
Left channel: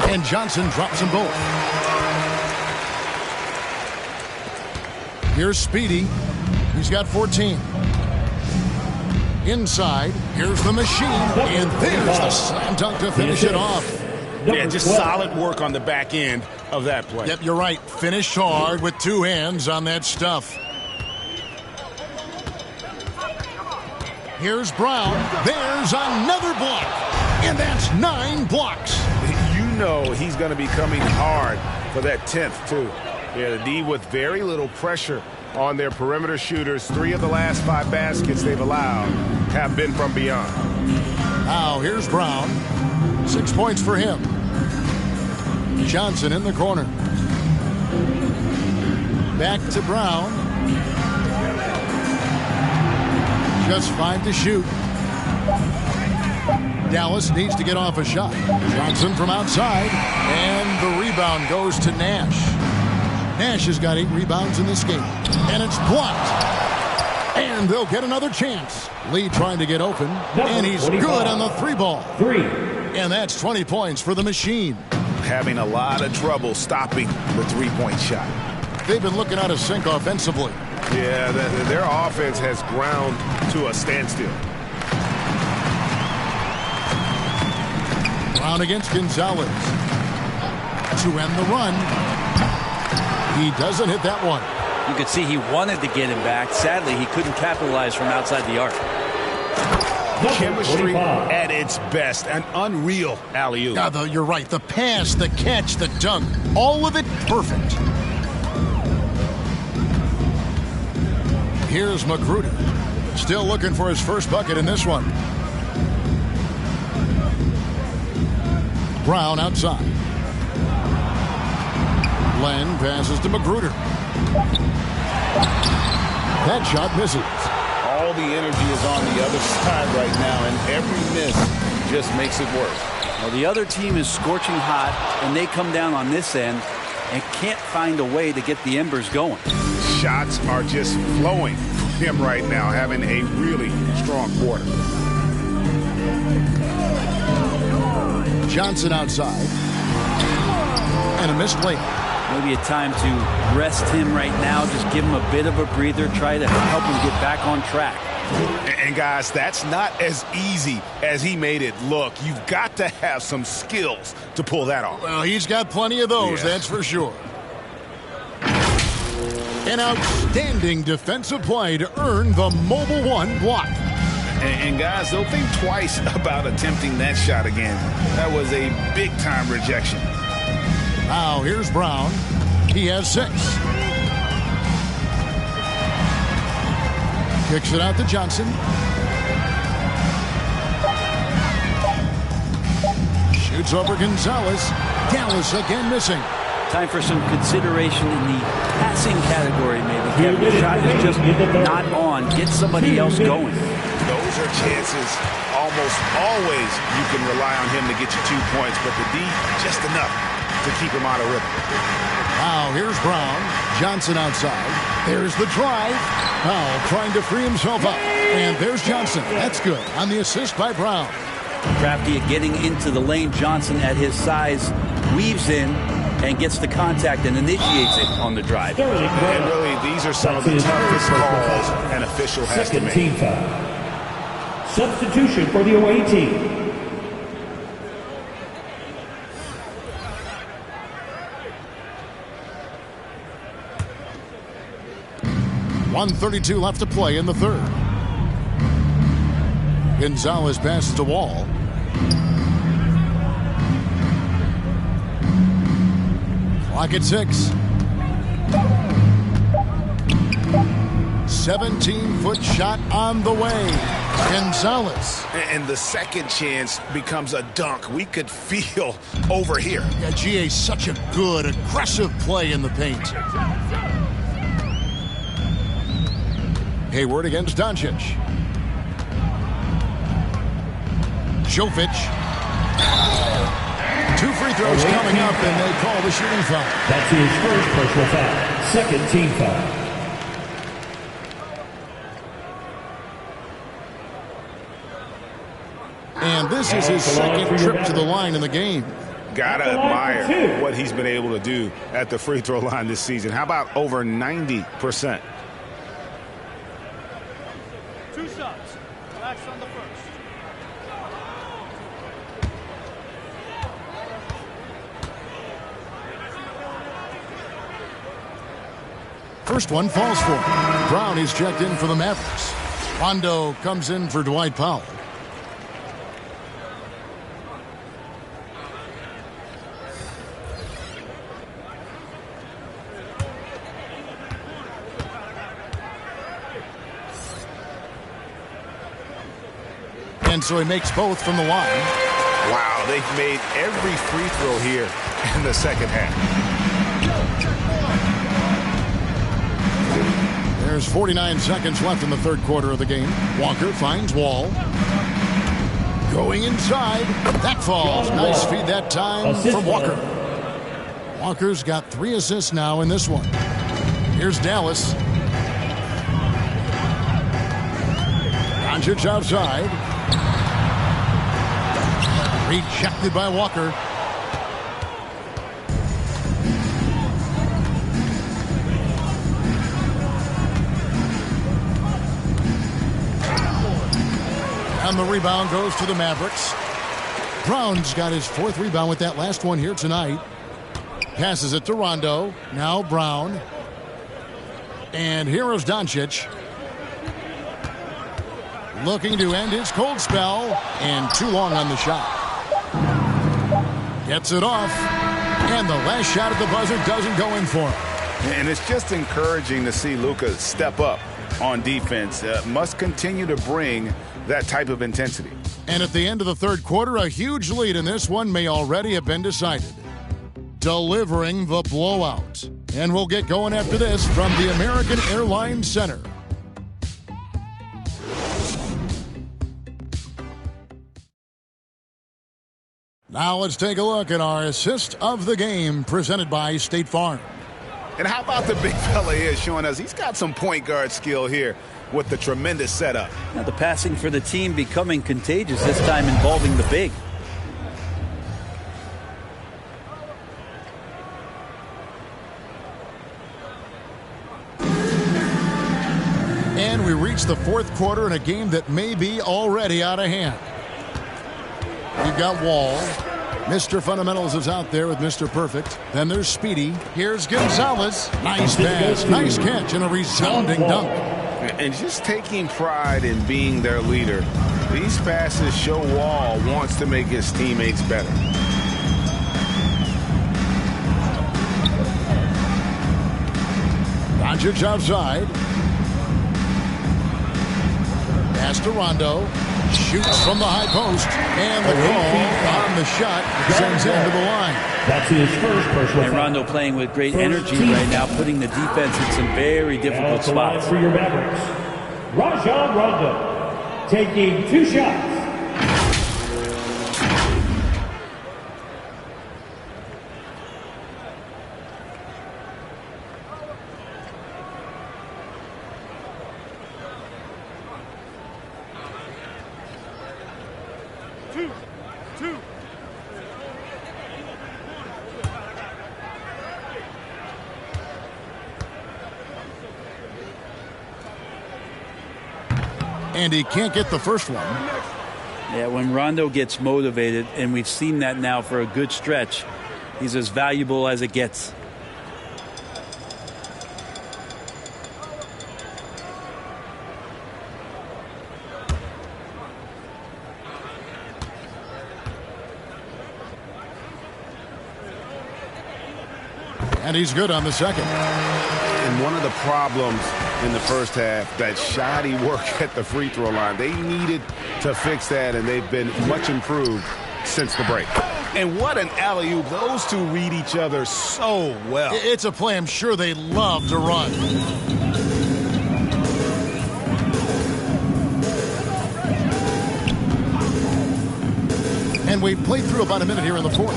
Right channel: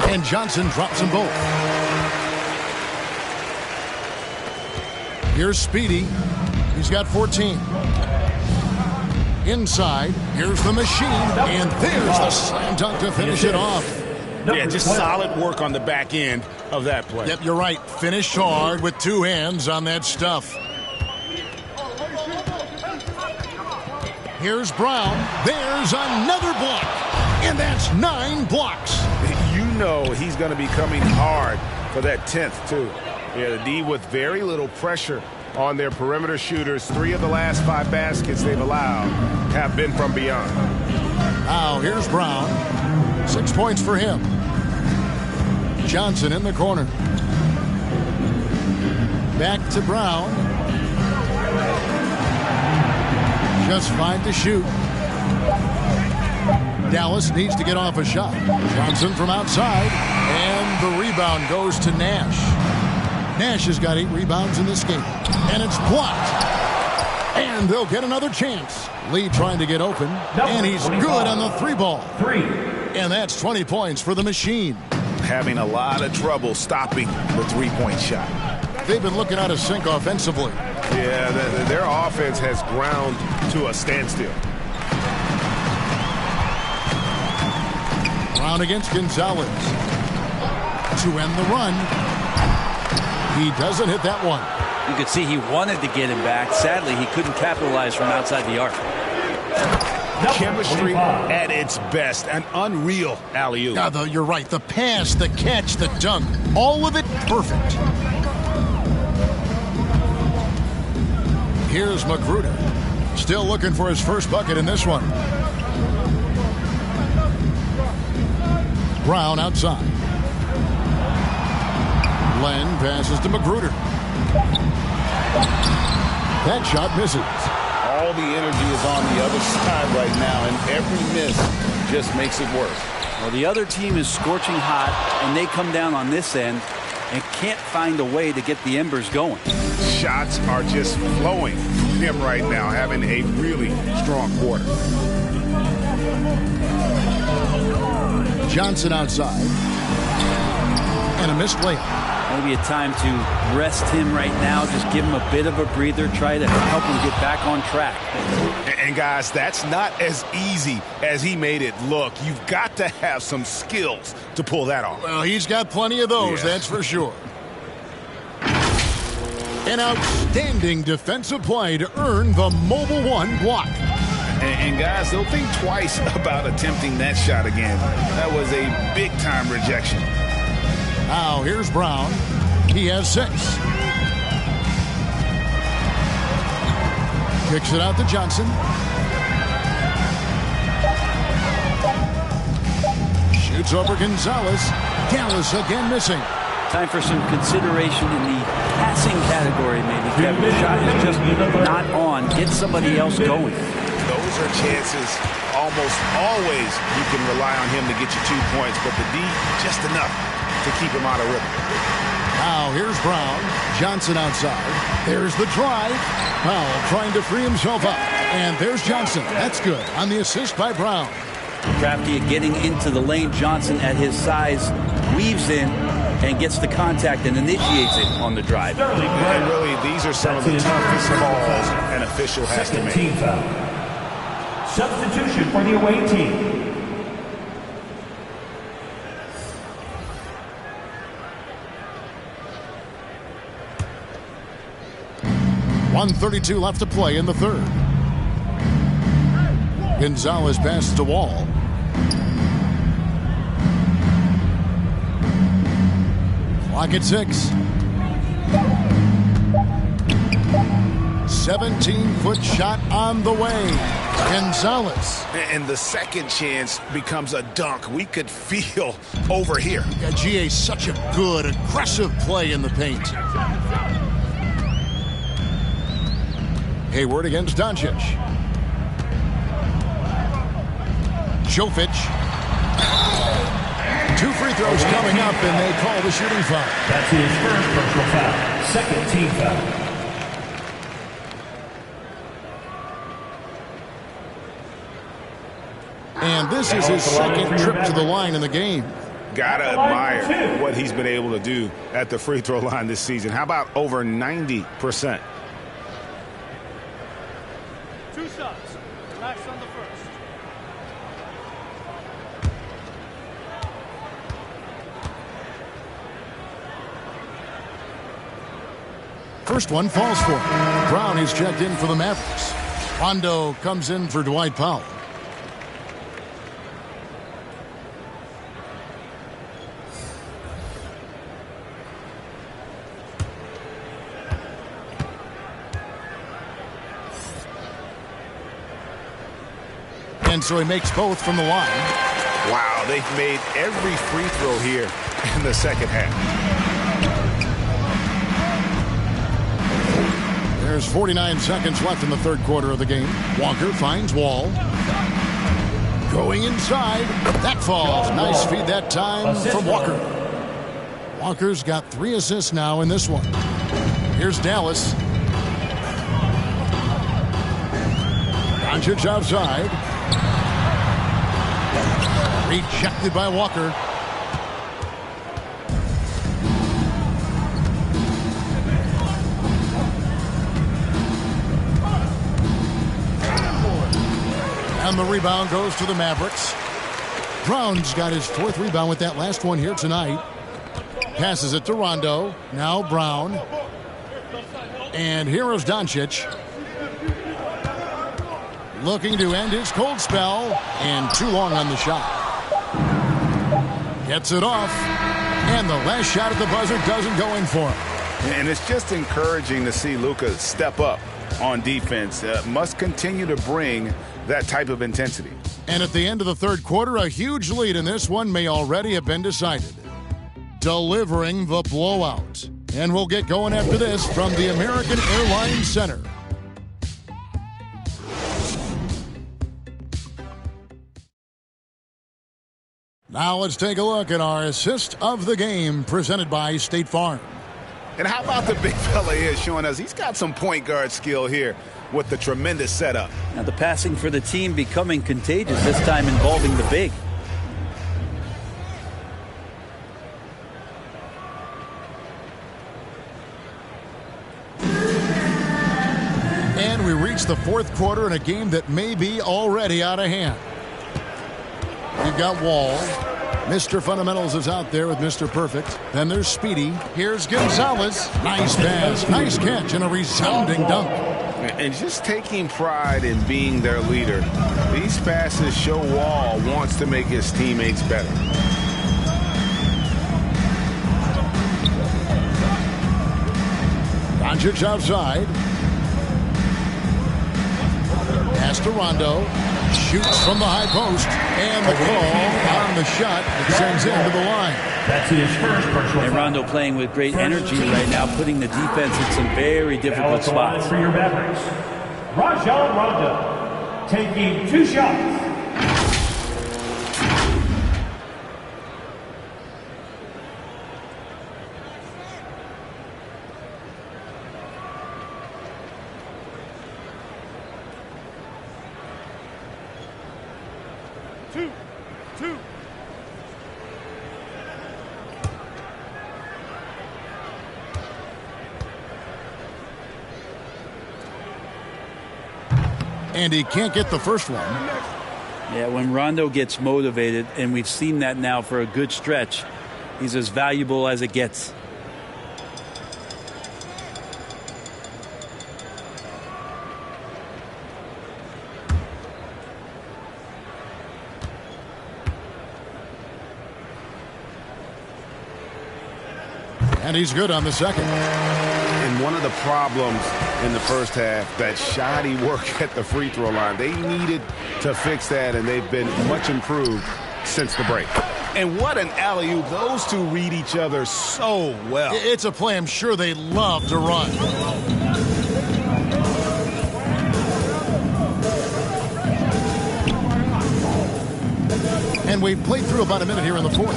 And Johnson drops them both. Here's Speedy. He's got 14. Inside, here's the machine, and there's the slam dunk to finish it off. Yeah, just solid work on the back end of that play. Yep, you're right. Finish hard with two hands on that stuff. Here's Brown. There's another block. And that's 9 blocks. You know he's going to be coming hard for that 10th, too. Yeah, the D with very little pressure on their perimeter shooters. 3 of the last 5 baskets they've allowed have been from beyond. Now, here's Brown. 6 points for him. Johnson in the corner. Back to Brown. Just 5 to shoot. Dallas needs to get off a shot. Johnson from outside. And the rebound goes to Nash. Nash has got 8 rebounds in this game. And it's blocked. And they'll get another chance. Lee trying to get open. And he's good on the 3-ball. 3. And that's 20 points for the machine. Having a lot of trouble stopping the 3-point shot. They've been looking out of sync offensively. Yeah, their offense has ground to a standstill. Brown against Gonzalez. To end the run. He doesn't hit that one. You could see he wanted to get him back. Sadly, he couldn't capitalize from outside the arc. Chemistry at its best. An unreal alley-oop. Yeah, you're right. The pass, the catch, the dunk. All of it perfect. Here's Magruder. Still looking for his first bucket in this one. Brown outside. Len passes to Magruder. That shot misses. All the energy is on the other side right now, and every miss just makes it worse. Well, the other team is scorching hot, and they come down on this end and can't find a way to get the embers going. Shots are just flowing from him right now, having a really strong quarter. Johnson outside. And a missed layup. Maybe a time to rest him right now. Just give him a bit of a breather. Try to help him get back on track. And guys, that's not as easy as he made it look. You've got to have some skills to pull that off. Well, he's got plenty of those, that's for sure. An outstanding defensive play to earn the Mobile One block. And guys, don't think twice about attempting that shot again. That was a big-time rejection. Now, here's Brown. He has 6. Kicks it out to Johnson. Shoots over Gonzalez. Dallas again missing. Time for some consideration in the passing category, maybe, Kevin. The shot is just not on. Get somebody else going. Those are chances almost always you can rely on him to get you 2 points, but the D, just enough to keep him out of rhythm. Now, here's Brown. Johnson outside. There's the drive. Powell trying to free himself up. And there's Johnson. That's good on the assist by Brown. Crafty at getting into the lane. Johnson at his size weaves in and gets the contact and initiates it on the drive. And really, these are some of the toughest calls an official has to make. Team foul. Substitution for the away team. .132 left to play in the third. Gonzalez passes to Wall. Clock at 6. 17-foot shot on the way. Gonzalez. And the second chance becomes a dunk. We could feel over here. Yeah, GA, such a good, aggressive play in the paint. Hayward against Doncic. Jovic. 2 free throws coming up, and they call the shooting foul. That's his first personal foul. Second team foul. And this is his second trip to the line in the game. Gotta admire what he's been able to do at the free throw line this season. How about over 90%? 2 shots. Relax on the first. First one falls for him. Brown is checked in for the Mavericks. Rondo comes in for Dwight Powell. And so he makes both from the line. Wow, they've made every free throw here in the second half. There's 49 seconds left in the third quarter of the game. Walker finds Wall. Going inside. That falls. Nice feed that time from Walker. Walker's got 3 assists now in this one. Here's Dallas. Doncic outside. Rejected by Walker. And the rebound goes to the Mavericks. Brown's got his 4th rebound with that last one here tonight. Passes it to Rondo. Now Brown. And here is Doncic. Looking to end his cold spell. And too long on the shot. Gets it off. And the last shot at the buzzer doesn't go in for him. And it's just encouraging to see Luka step up on defense. Must continue to bring that type of intensity. And at the end of the third quarter, a huge lead in this one may already have been decided. Delivering the blowout. And we'll get going after this from the American Airlines Center. Now let's take a look at our assist of the game presented by State Farm. And how about the big fella here showing us he's got some point guard skill here with the tremendous setup. Now the passing for the team becoming contagious, this time involving the big. And we reach the fourth quarter in a game that may be already out of hand. We've got Wall. Mr. Fundamentals is out there with Mr. Perfect. Then there's Speedy. Here's Gonzalez. Nice pass, nice catch, and a resounding dunk. And just taking pride in being their leader. These passes show Wall wants to make his teammates better. Doncic outside. Pass to Rondo. Shoots from the high post. And the call on the shot that sends him to the line. That's his first personal. And Rondo playing with great energy right now, putting the defense in some very difficult spots. For your Mavericks, Rajon Rondo, taking 2 shots. Two. And he can't get the first one. Yeah, when Rondo gets motivated, and we've seen that now for a good stretch, he's as valuable as it gets. And he's good on the second. And one of the problems in the first half, that shoddy work at the free throw line. They needed to fix that, and they've been much improved since the break. And what an alley-oop. Those two read each other so well. It's a play I'm sure they love to run. And we've played through about a minute here in the fourth.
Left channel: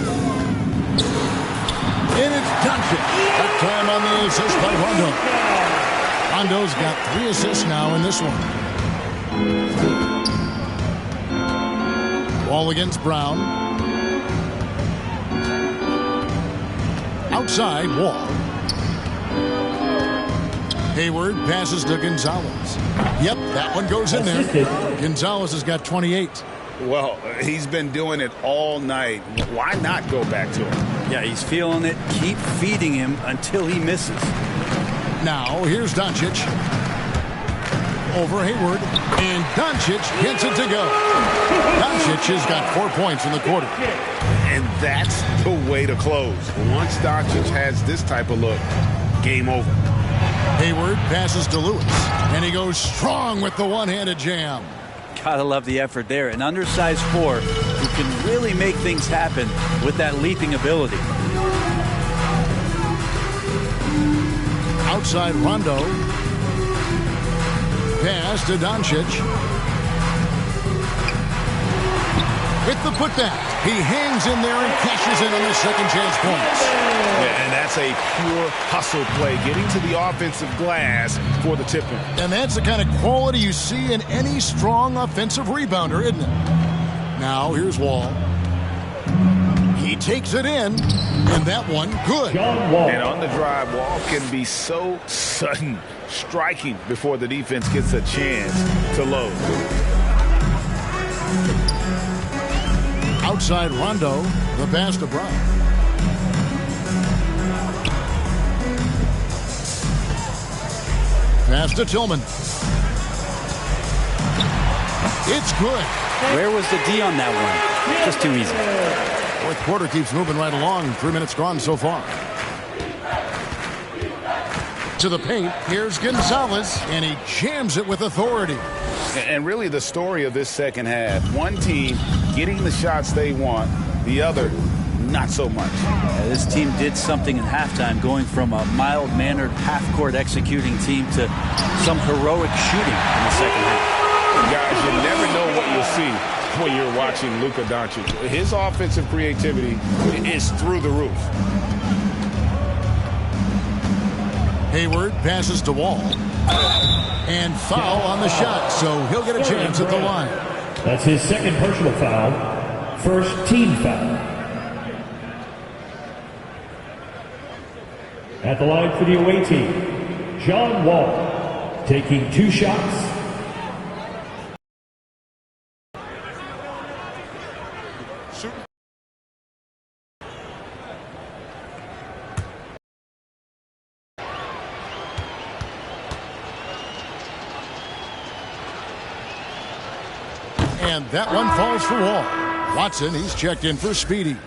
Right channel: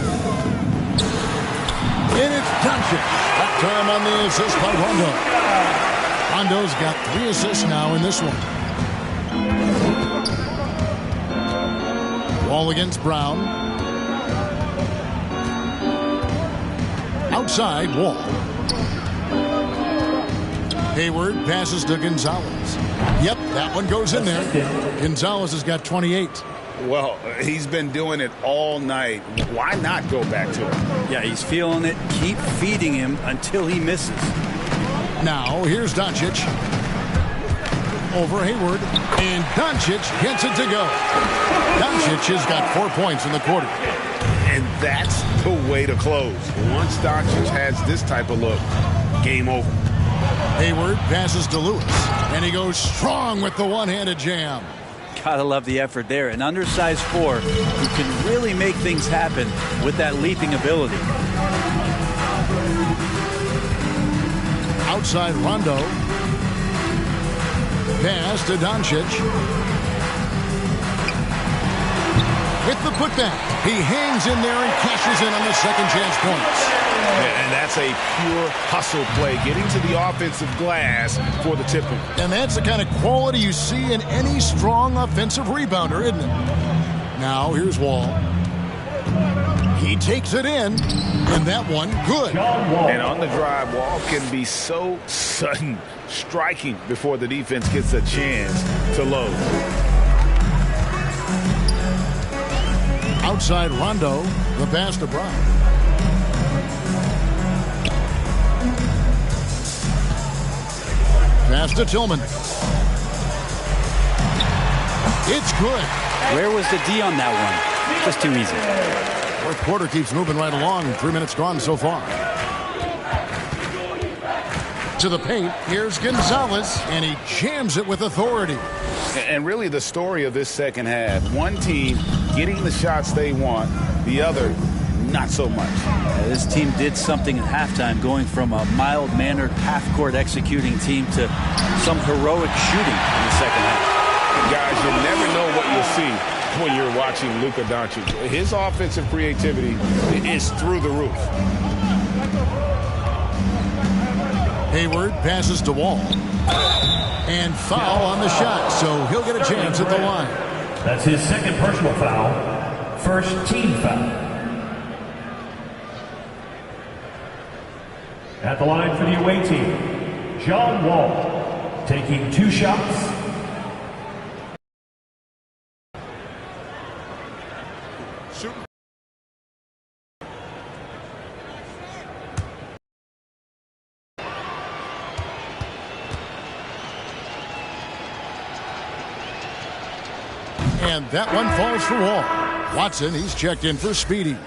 And it's Doncic. That time on the assist by Rondo. Rondo's got 3 assists now in this one. Wall against Brown. Outside, Wall. Hayward passes to Gonzalez. Yep, that one goes in there. Gonzalez has got 28. Well, he's been doing it all night. Why not go back to him? Yeah, he's feeling it. Keep feeding him until he misses. Now, here's Doncic. Over Hayward. And Doncic gets it to go. Doncic has got 4 points in the quarter. And that's the way to close. Once Doncic has this type of look, game over. Hayward passes to Lewis. And he goes strong with the one-handed jam. Gotta love the effort there. An undersized 4 who can really make things happen with that leaping ability. Outside Rondo. Pass to Doncic. With the putback. He hangs in there and cashes in on the second chance points. Yeah, and that's a pure hustle play, getting to the offensive glass for the tip-in. And that's the kind of quality you see in any strong offensive rebounder, isn't it? Now, here's Wall. He takes it in, and that one, good. And on the drive, Wall can be so sudden, striking before the defense gets a chance to load. Outside Rondo, the pass to Brown. Pass to Tillman. It's good. Where was the D on that one? Just too easy. Fourth quarter keeps moving right along. 3 minutes gone so far. To the paint, here's Gonzalez, and he jams it with authority. And really the story of this second half, one team getting the shots they want, the other not so much. This team did something at halftime, going from a mild-mannered half-court executing team to some heroic shooting in the second half. Guys, you never know what you'll see when you're watching Luka Doncic. His offensive creativity is through the roof. Hayward passes to Wall. And foul on the shot, so he'll get a chance at the line. That's his second personal foul. First team foul. At the line for the away team, John Wall, taking 2 shots. Shooting. And that one falls for Wall. Watson, he's checked in for Speedy.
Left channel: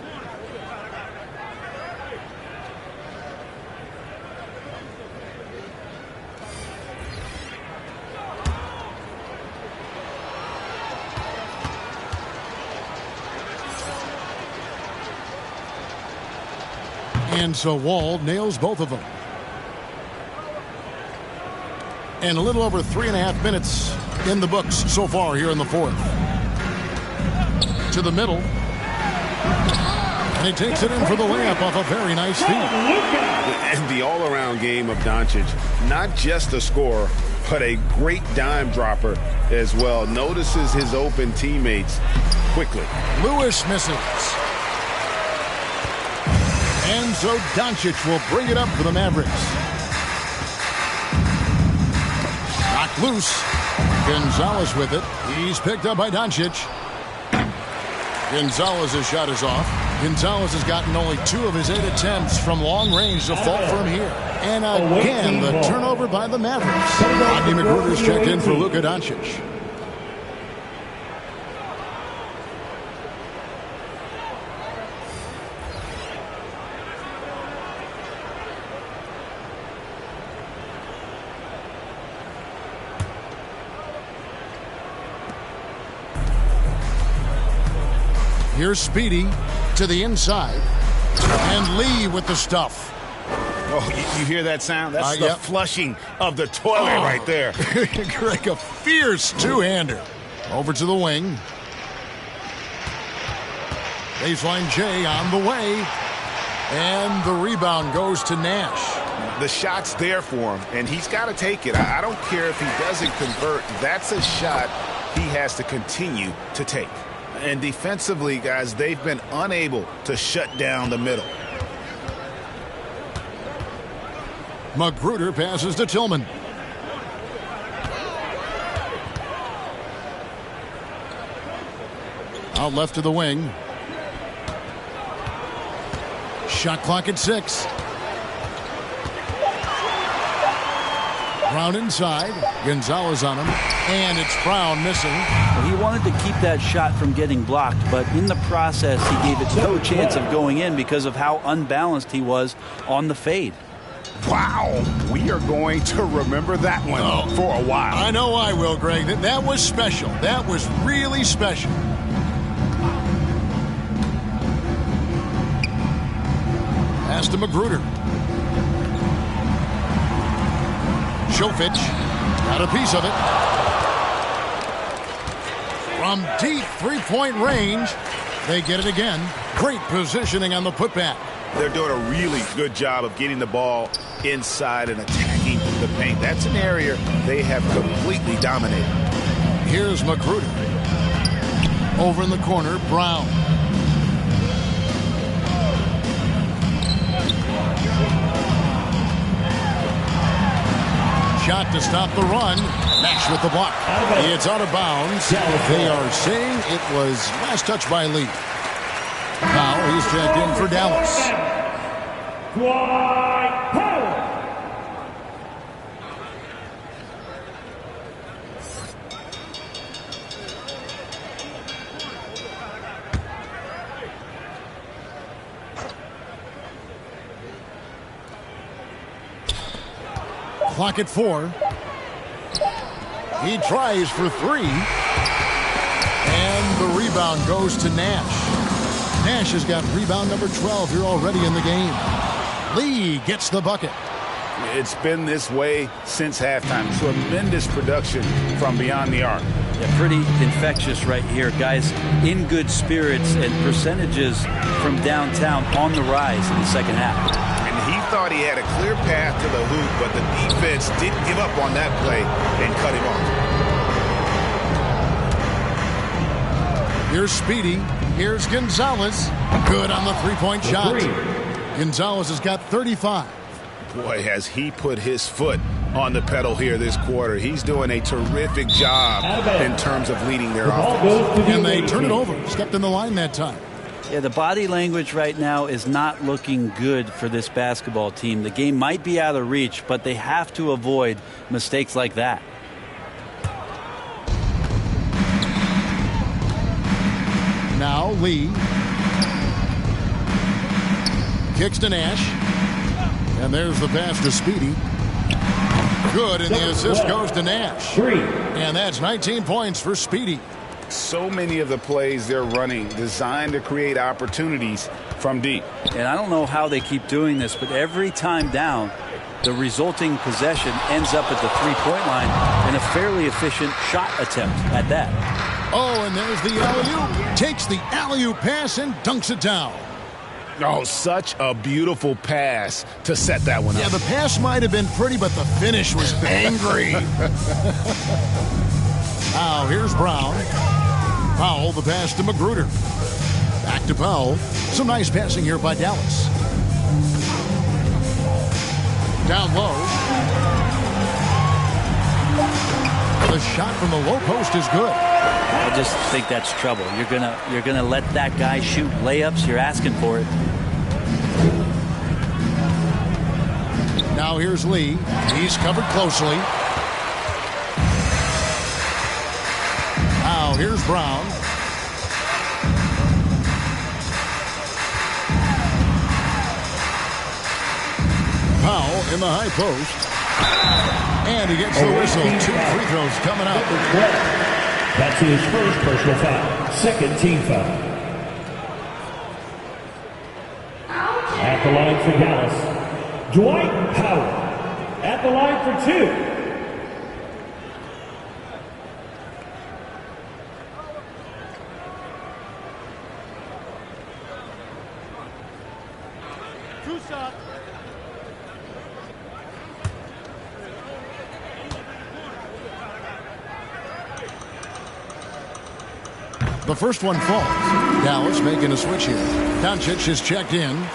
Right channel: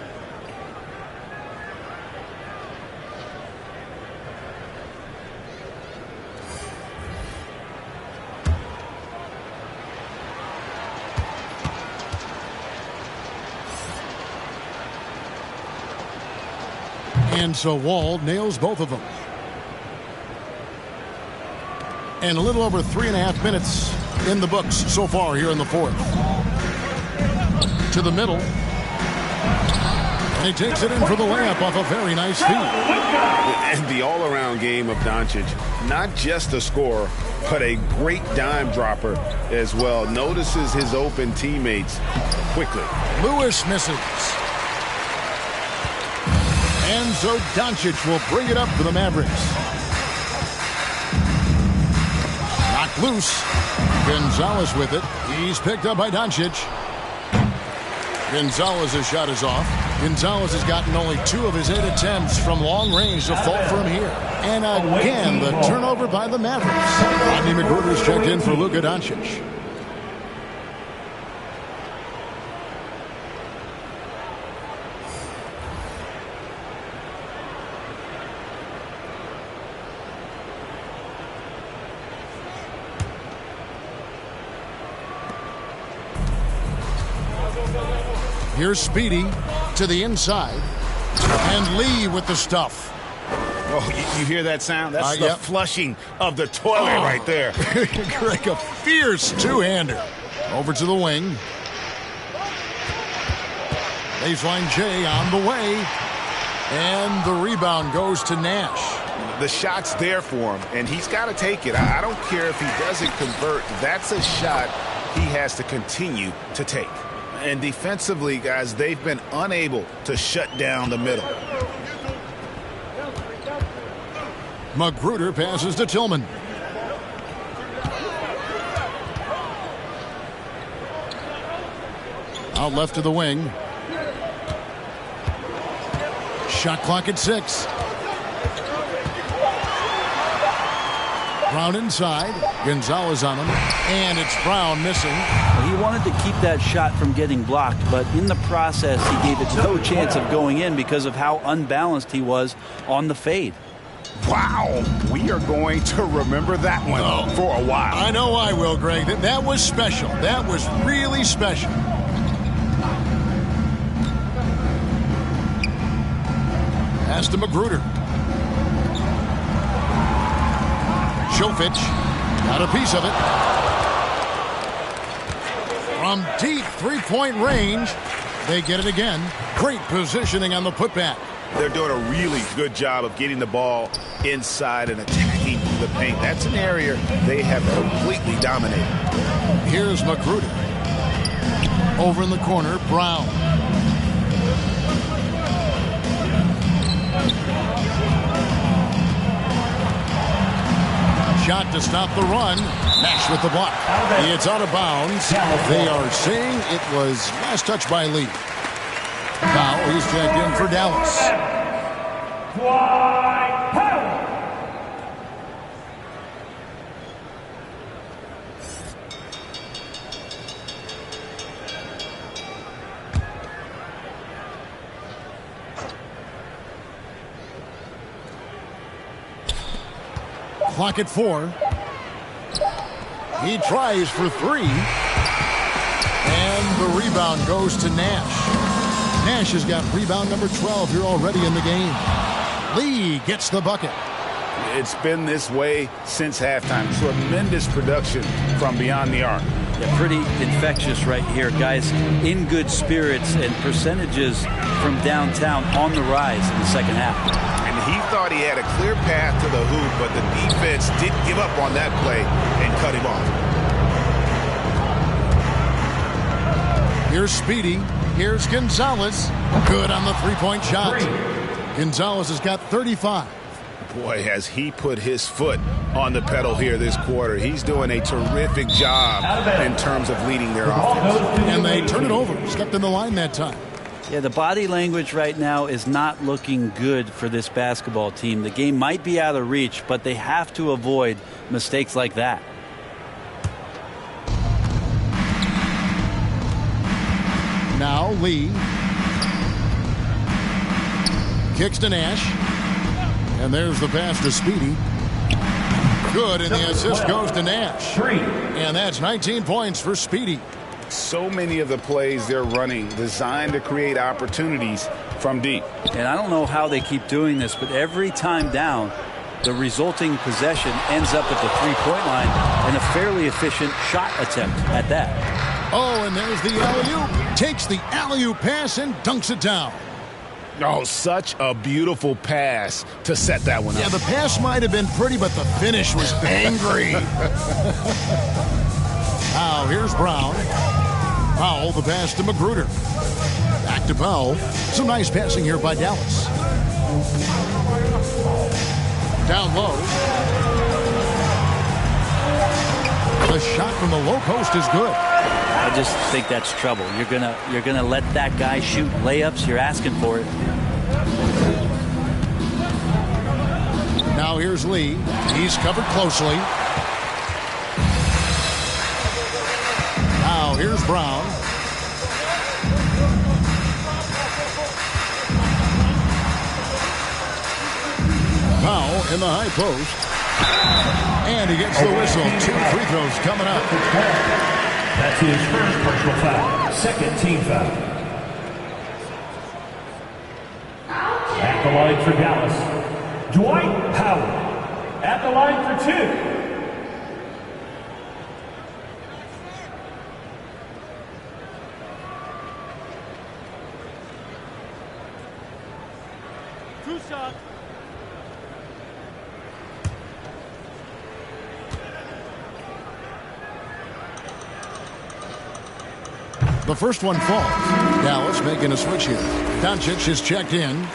And so Wall nails both of them. And a little over 3.5 minutes in the books so far here in the fourth. To the middle. And he takes it in for the layup off a very nice feed. And the all-around game of Doncic, not just a scorer, but a great dime dropper as well. Notices his open teammates quickly. Lewis misses. And so Doncic will bring it up for the Mavericks. Knocked loose. Gonzalez with it. He's picked up by Doncic. Gonzalez's shot is off. Gonzalez has gotten only 2 of his 8 attempts from long range to fall from here. And again, the turnover by the Mavericks. Rodney McGruder's checked in for Luka Doncic. Here's Speedy to the inside. And Lee with the stuff. Oh, you hear that sound? That's the flushing of the toilet right there. Greg, a fierce two-hander. Over to the wing. Baseline J on the way. And the rebound goes to Nash. The shot's there for him, and he's got to take it. I don't care if he doesn't convert. That's a shot he has to continue to take. And defensively, guys, they've been unable to shut down the middle. Magruder passes to Tillman. Out left to the wing. Shot clock at 6. Brown inside. Gonzalez on him. And it's Brown missing. Well, he wanted to keep that shot from getting blocked, but in the process, he gave it no chance of going in because of how unbalanced he was on the fade. Wow, we are going to remember that one for a while. I know I will, Greg. That was special. That was really special. Pass to Magruder. Šofić got a piece of it. From deep three-point range, they get it again. Great positioning on the putback. They're doing a really good job of getting the ball inside and attacking the paint. That's an area they have completely dominated. Here's Magruder. Over in the corner, Brown. Shot to stop the run. Nash with the block. It's out of bounds. They are saying it was last touch by Lee. Now he's checked in for Dallas. Dwight Powell. Clock at 4. He tries for 3. And the rebound goes to Nash. Nash has got rebound number 12 here already in the game. Lee gets the bucket. It's been this way since halftime. Tremendous production from beyond the arc. Yeah, pretty infectious right here. Guys in good spirits and percentages from downtown on the rise in the second half. And he thought he had a clear path to the hoop, but the defense didn't give up on that play and cut him off. Here's Speedy. Here's Gonzalez. Good on the three-point shot. Gonzalez has got 35. Boy, has he put his foot on the pedal here this quarter. He's doing a terrific job in terms of leading their offense. And they turn it over. Stepped in the line that time. Yeah, the body language right now is not looking good for this basketball team. The game might be out of reach, but they have to avoid mistakes like that. Now Lee. Kicks to Nash. And there's the pass to Speedy. Good, and the assist goes to Nash. And that's 19 points for Speedy. So many of the plays they're running designed to create opportunities from deep. And I don't know how they keep doing this, but every time down, the resulting possession ends up at the three-point line and a fairly efficient shot attempt at that. Oh, and there's the alley-oop. Takes the alley-oop pass and dunks it down. Oh, such a beautiful pass to set that one up. Yeah, the pass might have been pretty, but the finish was angry. Now, here's Brown. Powell, the pass to Magruder. Back to Powell. Some nice passing here by Dallas. Down low. The shot from the low post is good. I just think that's trouble. You're gonna let that guy shoot layups. You're asking for it. Now here's Lee. He's covered closely. Now here's Brown. Powell in the high post. And he gets the whistle. 2 free throws coming up. That's his first personal foul. Second team foul. At the line for Dallas, Dwight Powell. At the line for 2. Two shots. The first one falls. Dallas making a switch here. Doncic is checked in.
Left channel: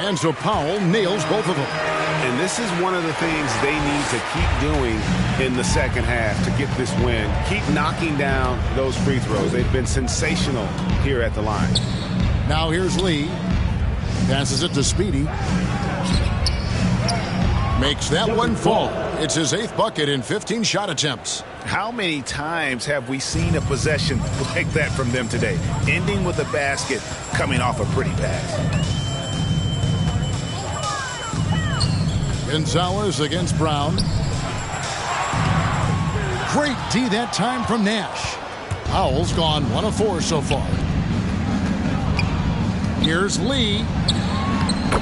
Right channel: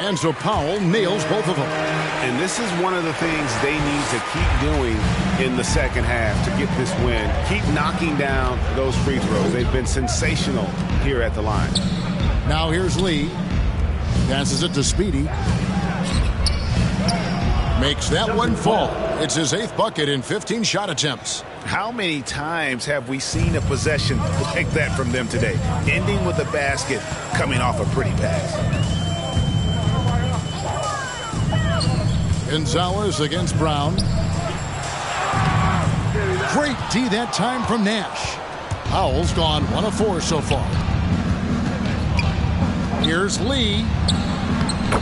And so Powell nails both of them. And this is one of the things they need to keep doing in the second half to get this win. Keep knocking down those free throws. They've been sensational here at the line. Now here's Lee. Passes it to Speedy. Makes that one fall. It's his 8th bucket in 15 shot attempts. How many times have we seen a possession like that from them today? Ending with a basket, coming off a pretty pass. Gonzalez against Brown. Great D that time from Nash. Powell's gone 1 of 4 so far. Here's Lee.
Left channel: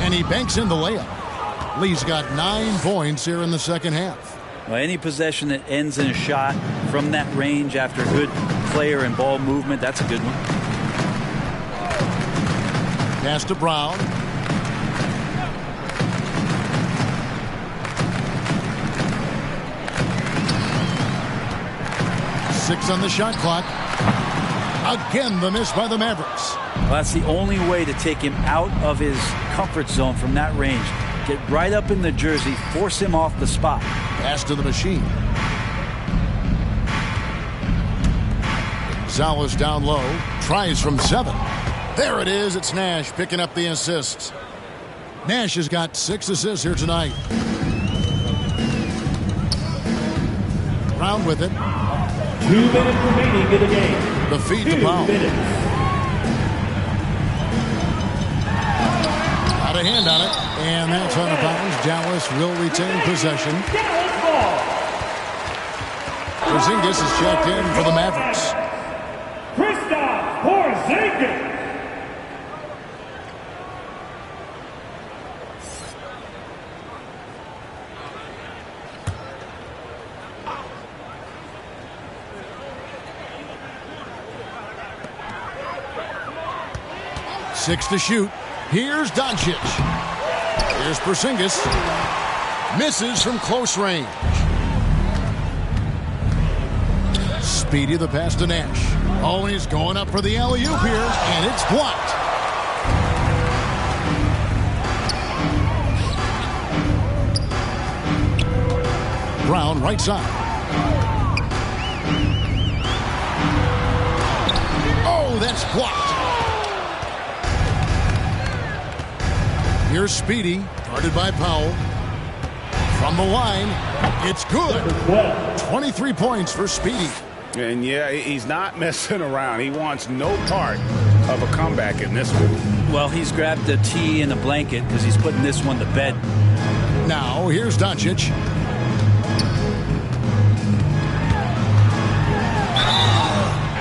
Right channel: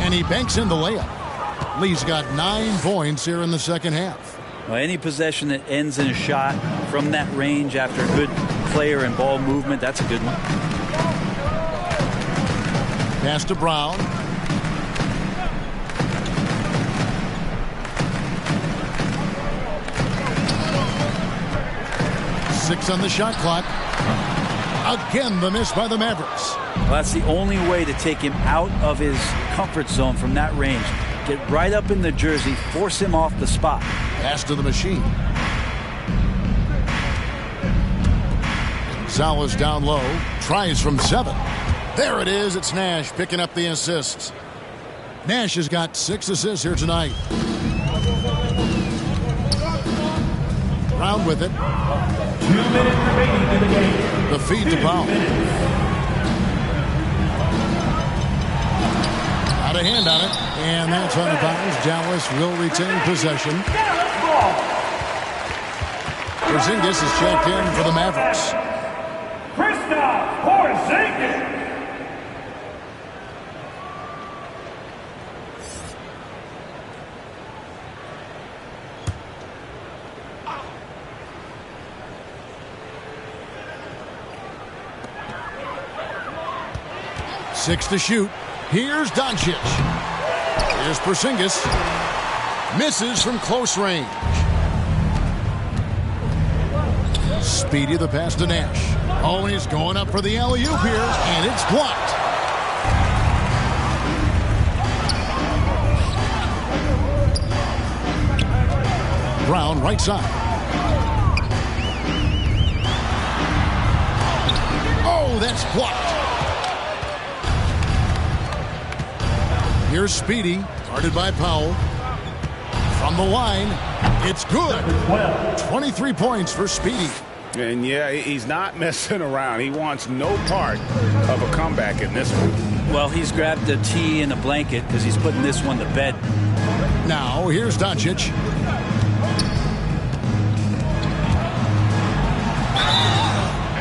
And he banks in the layup. Lee's got 9 points here in the second half. Well, any possession that ends in a shot from that range after good player and ball movement, that's a good one. Pass to Brown. Six on the shot clock. Again, the miss by the Mavericks. Well, that's the only way to take him out of his comfort zone from that range. Get right up in the jersey, force him off the spot. Pass to the machine. Gonzalez down low. Tries from 7. There it is. It's Nash picking up the assists. Nash has got 6 assists here tonight. Brown with it. 2 minutes remaining in the game. The feed to Powell. Out of hand on it. And that's out of bounds. Dallas will retain possession. Dallas ball. Porzingis is checked in for the Mavericks. Kristaps Porzingis. Six to shoot. Here's Doncic. Here's Porzingis. Misses from close range. Speedy the pass to Nash. Oh, and he's going up for the alley-oop here, and it's blocked. Brown right side. Oh, that's blocked. Here's Speedy, guarded by Powell. From the line, it's good. 23 points for Speedy. And yeah, he's not messing around. He wants no part of a comeback in this one. Well, he's grabbed a tee and a blanket because he's putting this one to bed. Now, here's Doncic.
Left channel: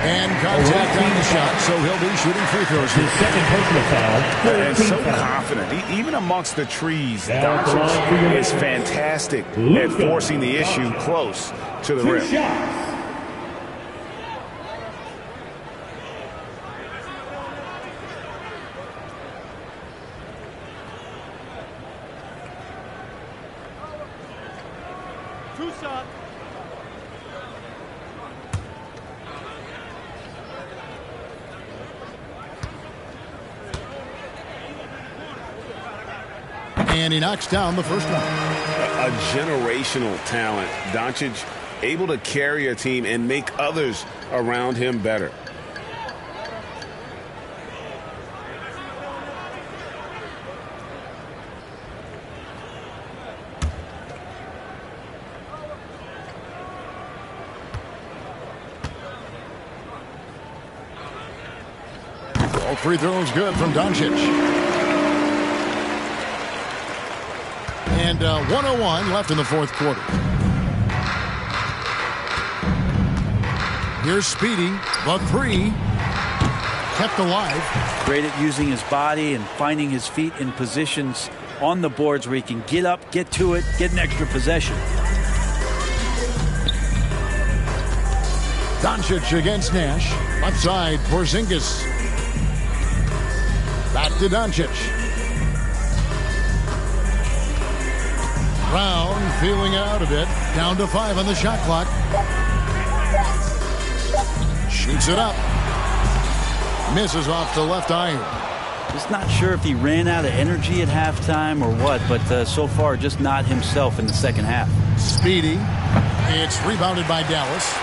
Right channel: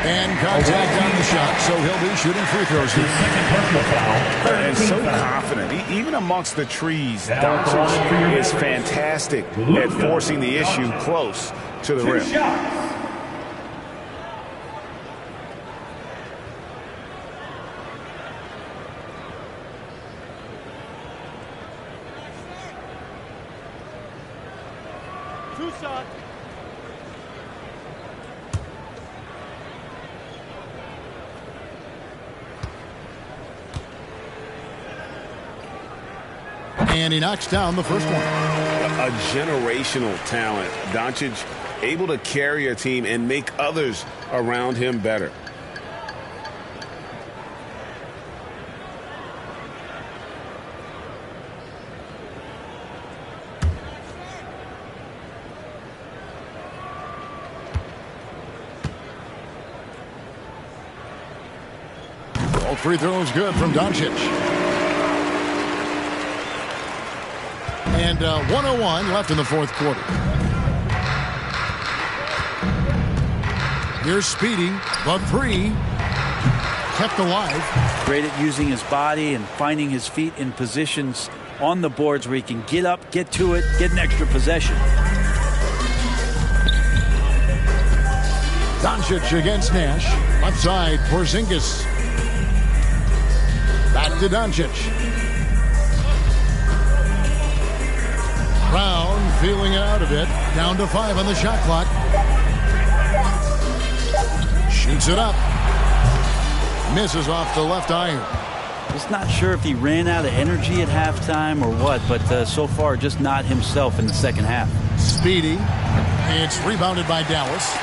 And contact on the shot, so he'll be shooting free throws here. Second personal foul. And so confident. Even amongst the trees, Doncic is fantastic at forcing the issue close to the rim. Shots. Two shots. And he knocks down the first one. A generational talent. Doncic able to carry a team and make others around him better. Both free throws good from Doncic. And 1:01 left in the fourth quarter. Here's Speedy, the three, kept alive. Great at using his body and finding his feet in positions on the boards where he can get up, get to it, get an extra possession. Doncic against Nash. Left side, Porzingis. Back to Doncic. Brown feeling it out a bit. Down to 5 on the shot clock. Shoots it up. Misses off the left iron. Just not sure if he ran out of energy at halftime or what, but so far just not himself in the second half. Speedy. It's rebounded by Dallas.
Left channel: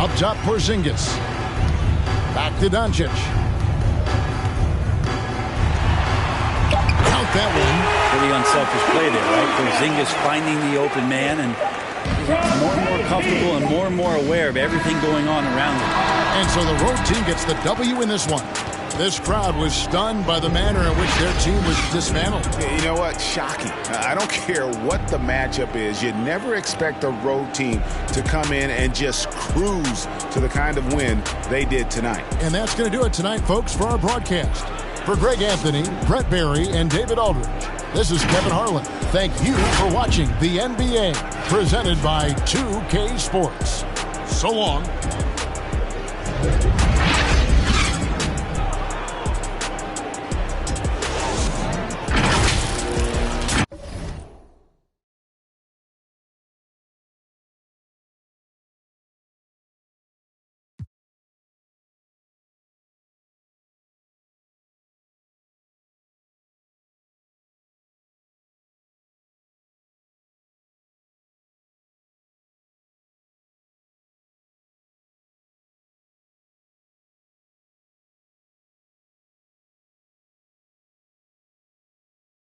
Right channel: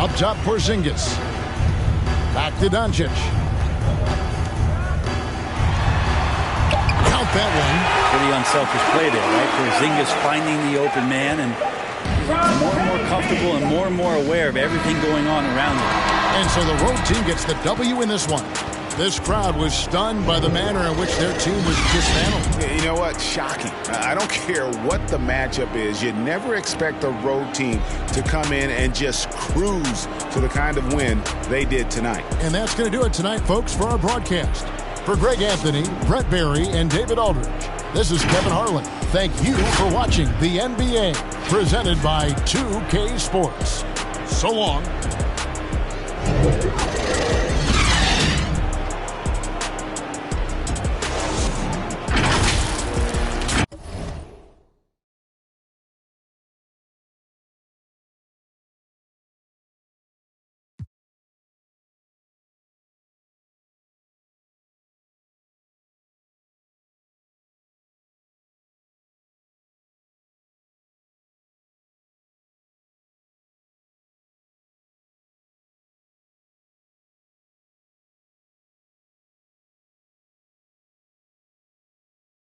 Up top, Porzingis. Back to Doncic. Count that one. Pretty unselfish play there, right? Porzingis finding the open man, and he's more and more comfortable and more aware of everything going on around him. And so the road team gets the W in this one. This crowd was stunned by the manner in which their team was dismantled. You know what? Shocking. I don't care what the matchup is. You never expect a road team to come in and just cruise to the kind of win they did tonight. And that's going to do it tonight, folks, for our broadcast. For Greg Anthony, Brett Barry, and David Aldridge, this is Kevin Harlan. Thank you for watching the NBA, presented by 2K Sports. So long.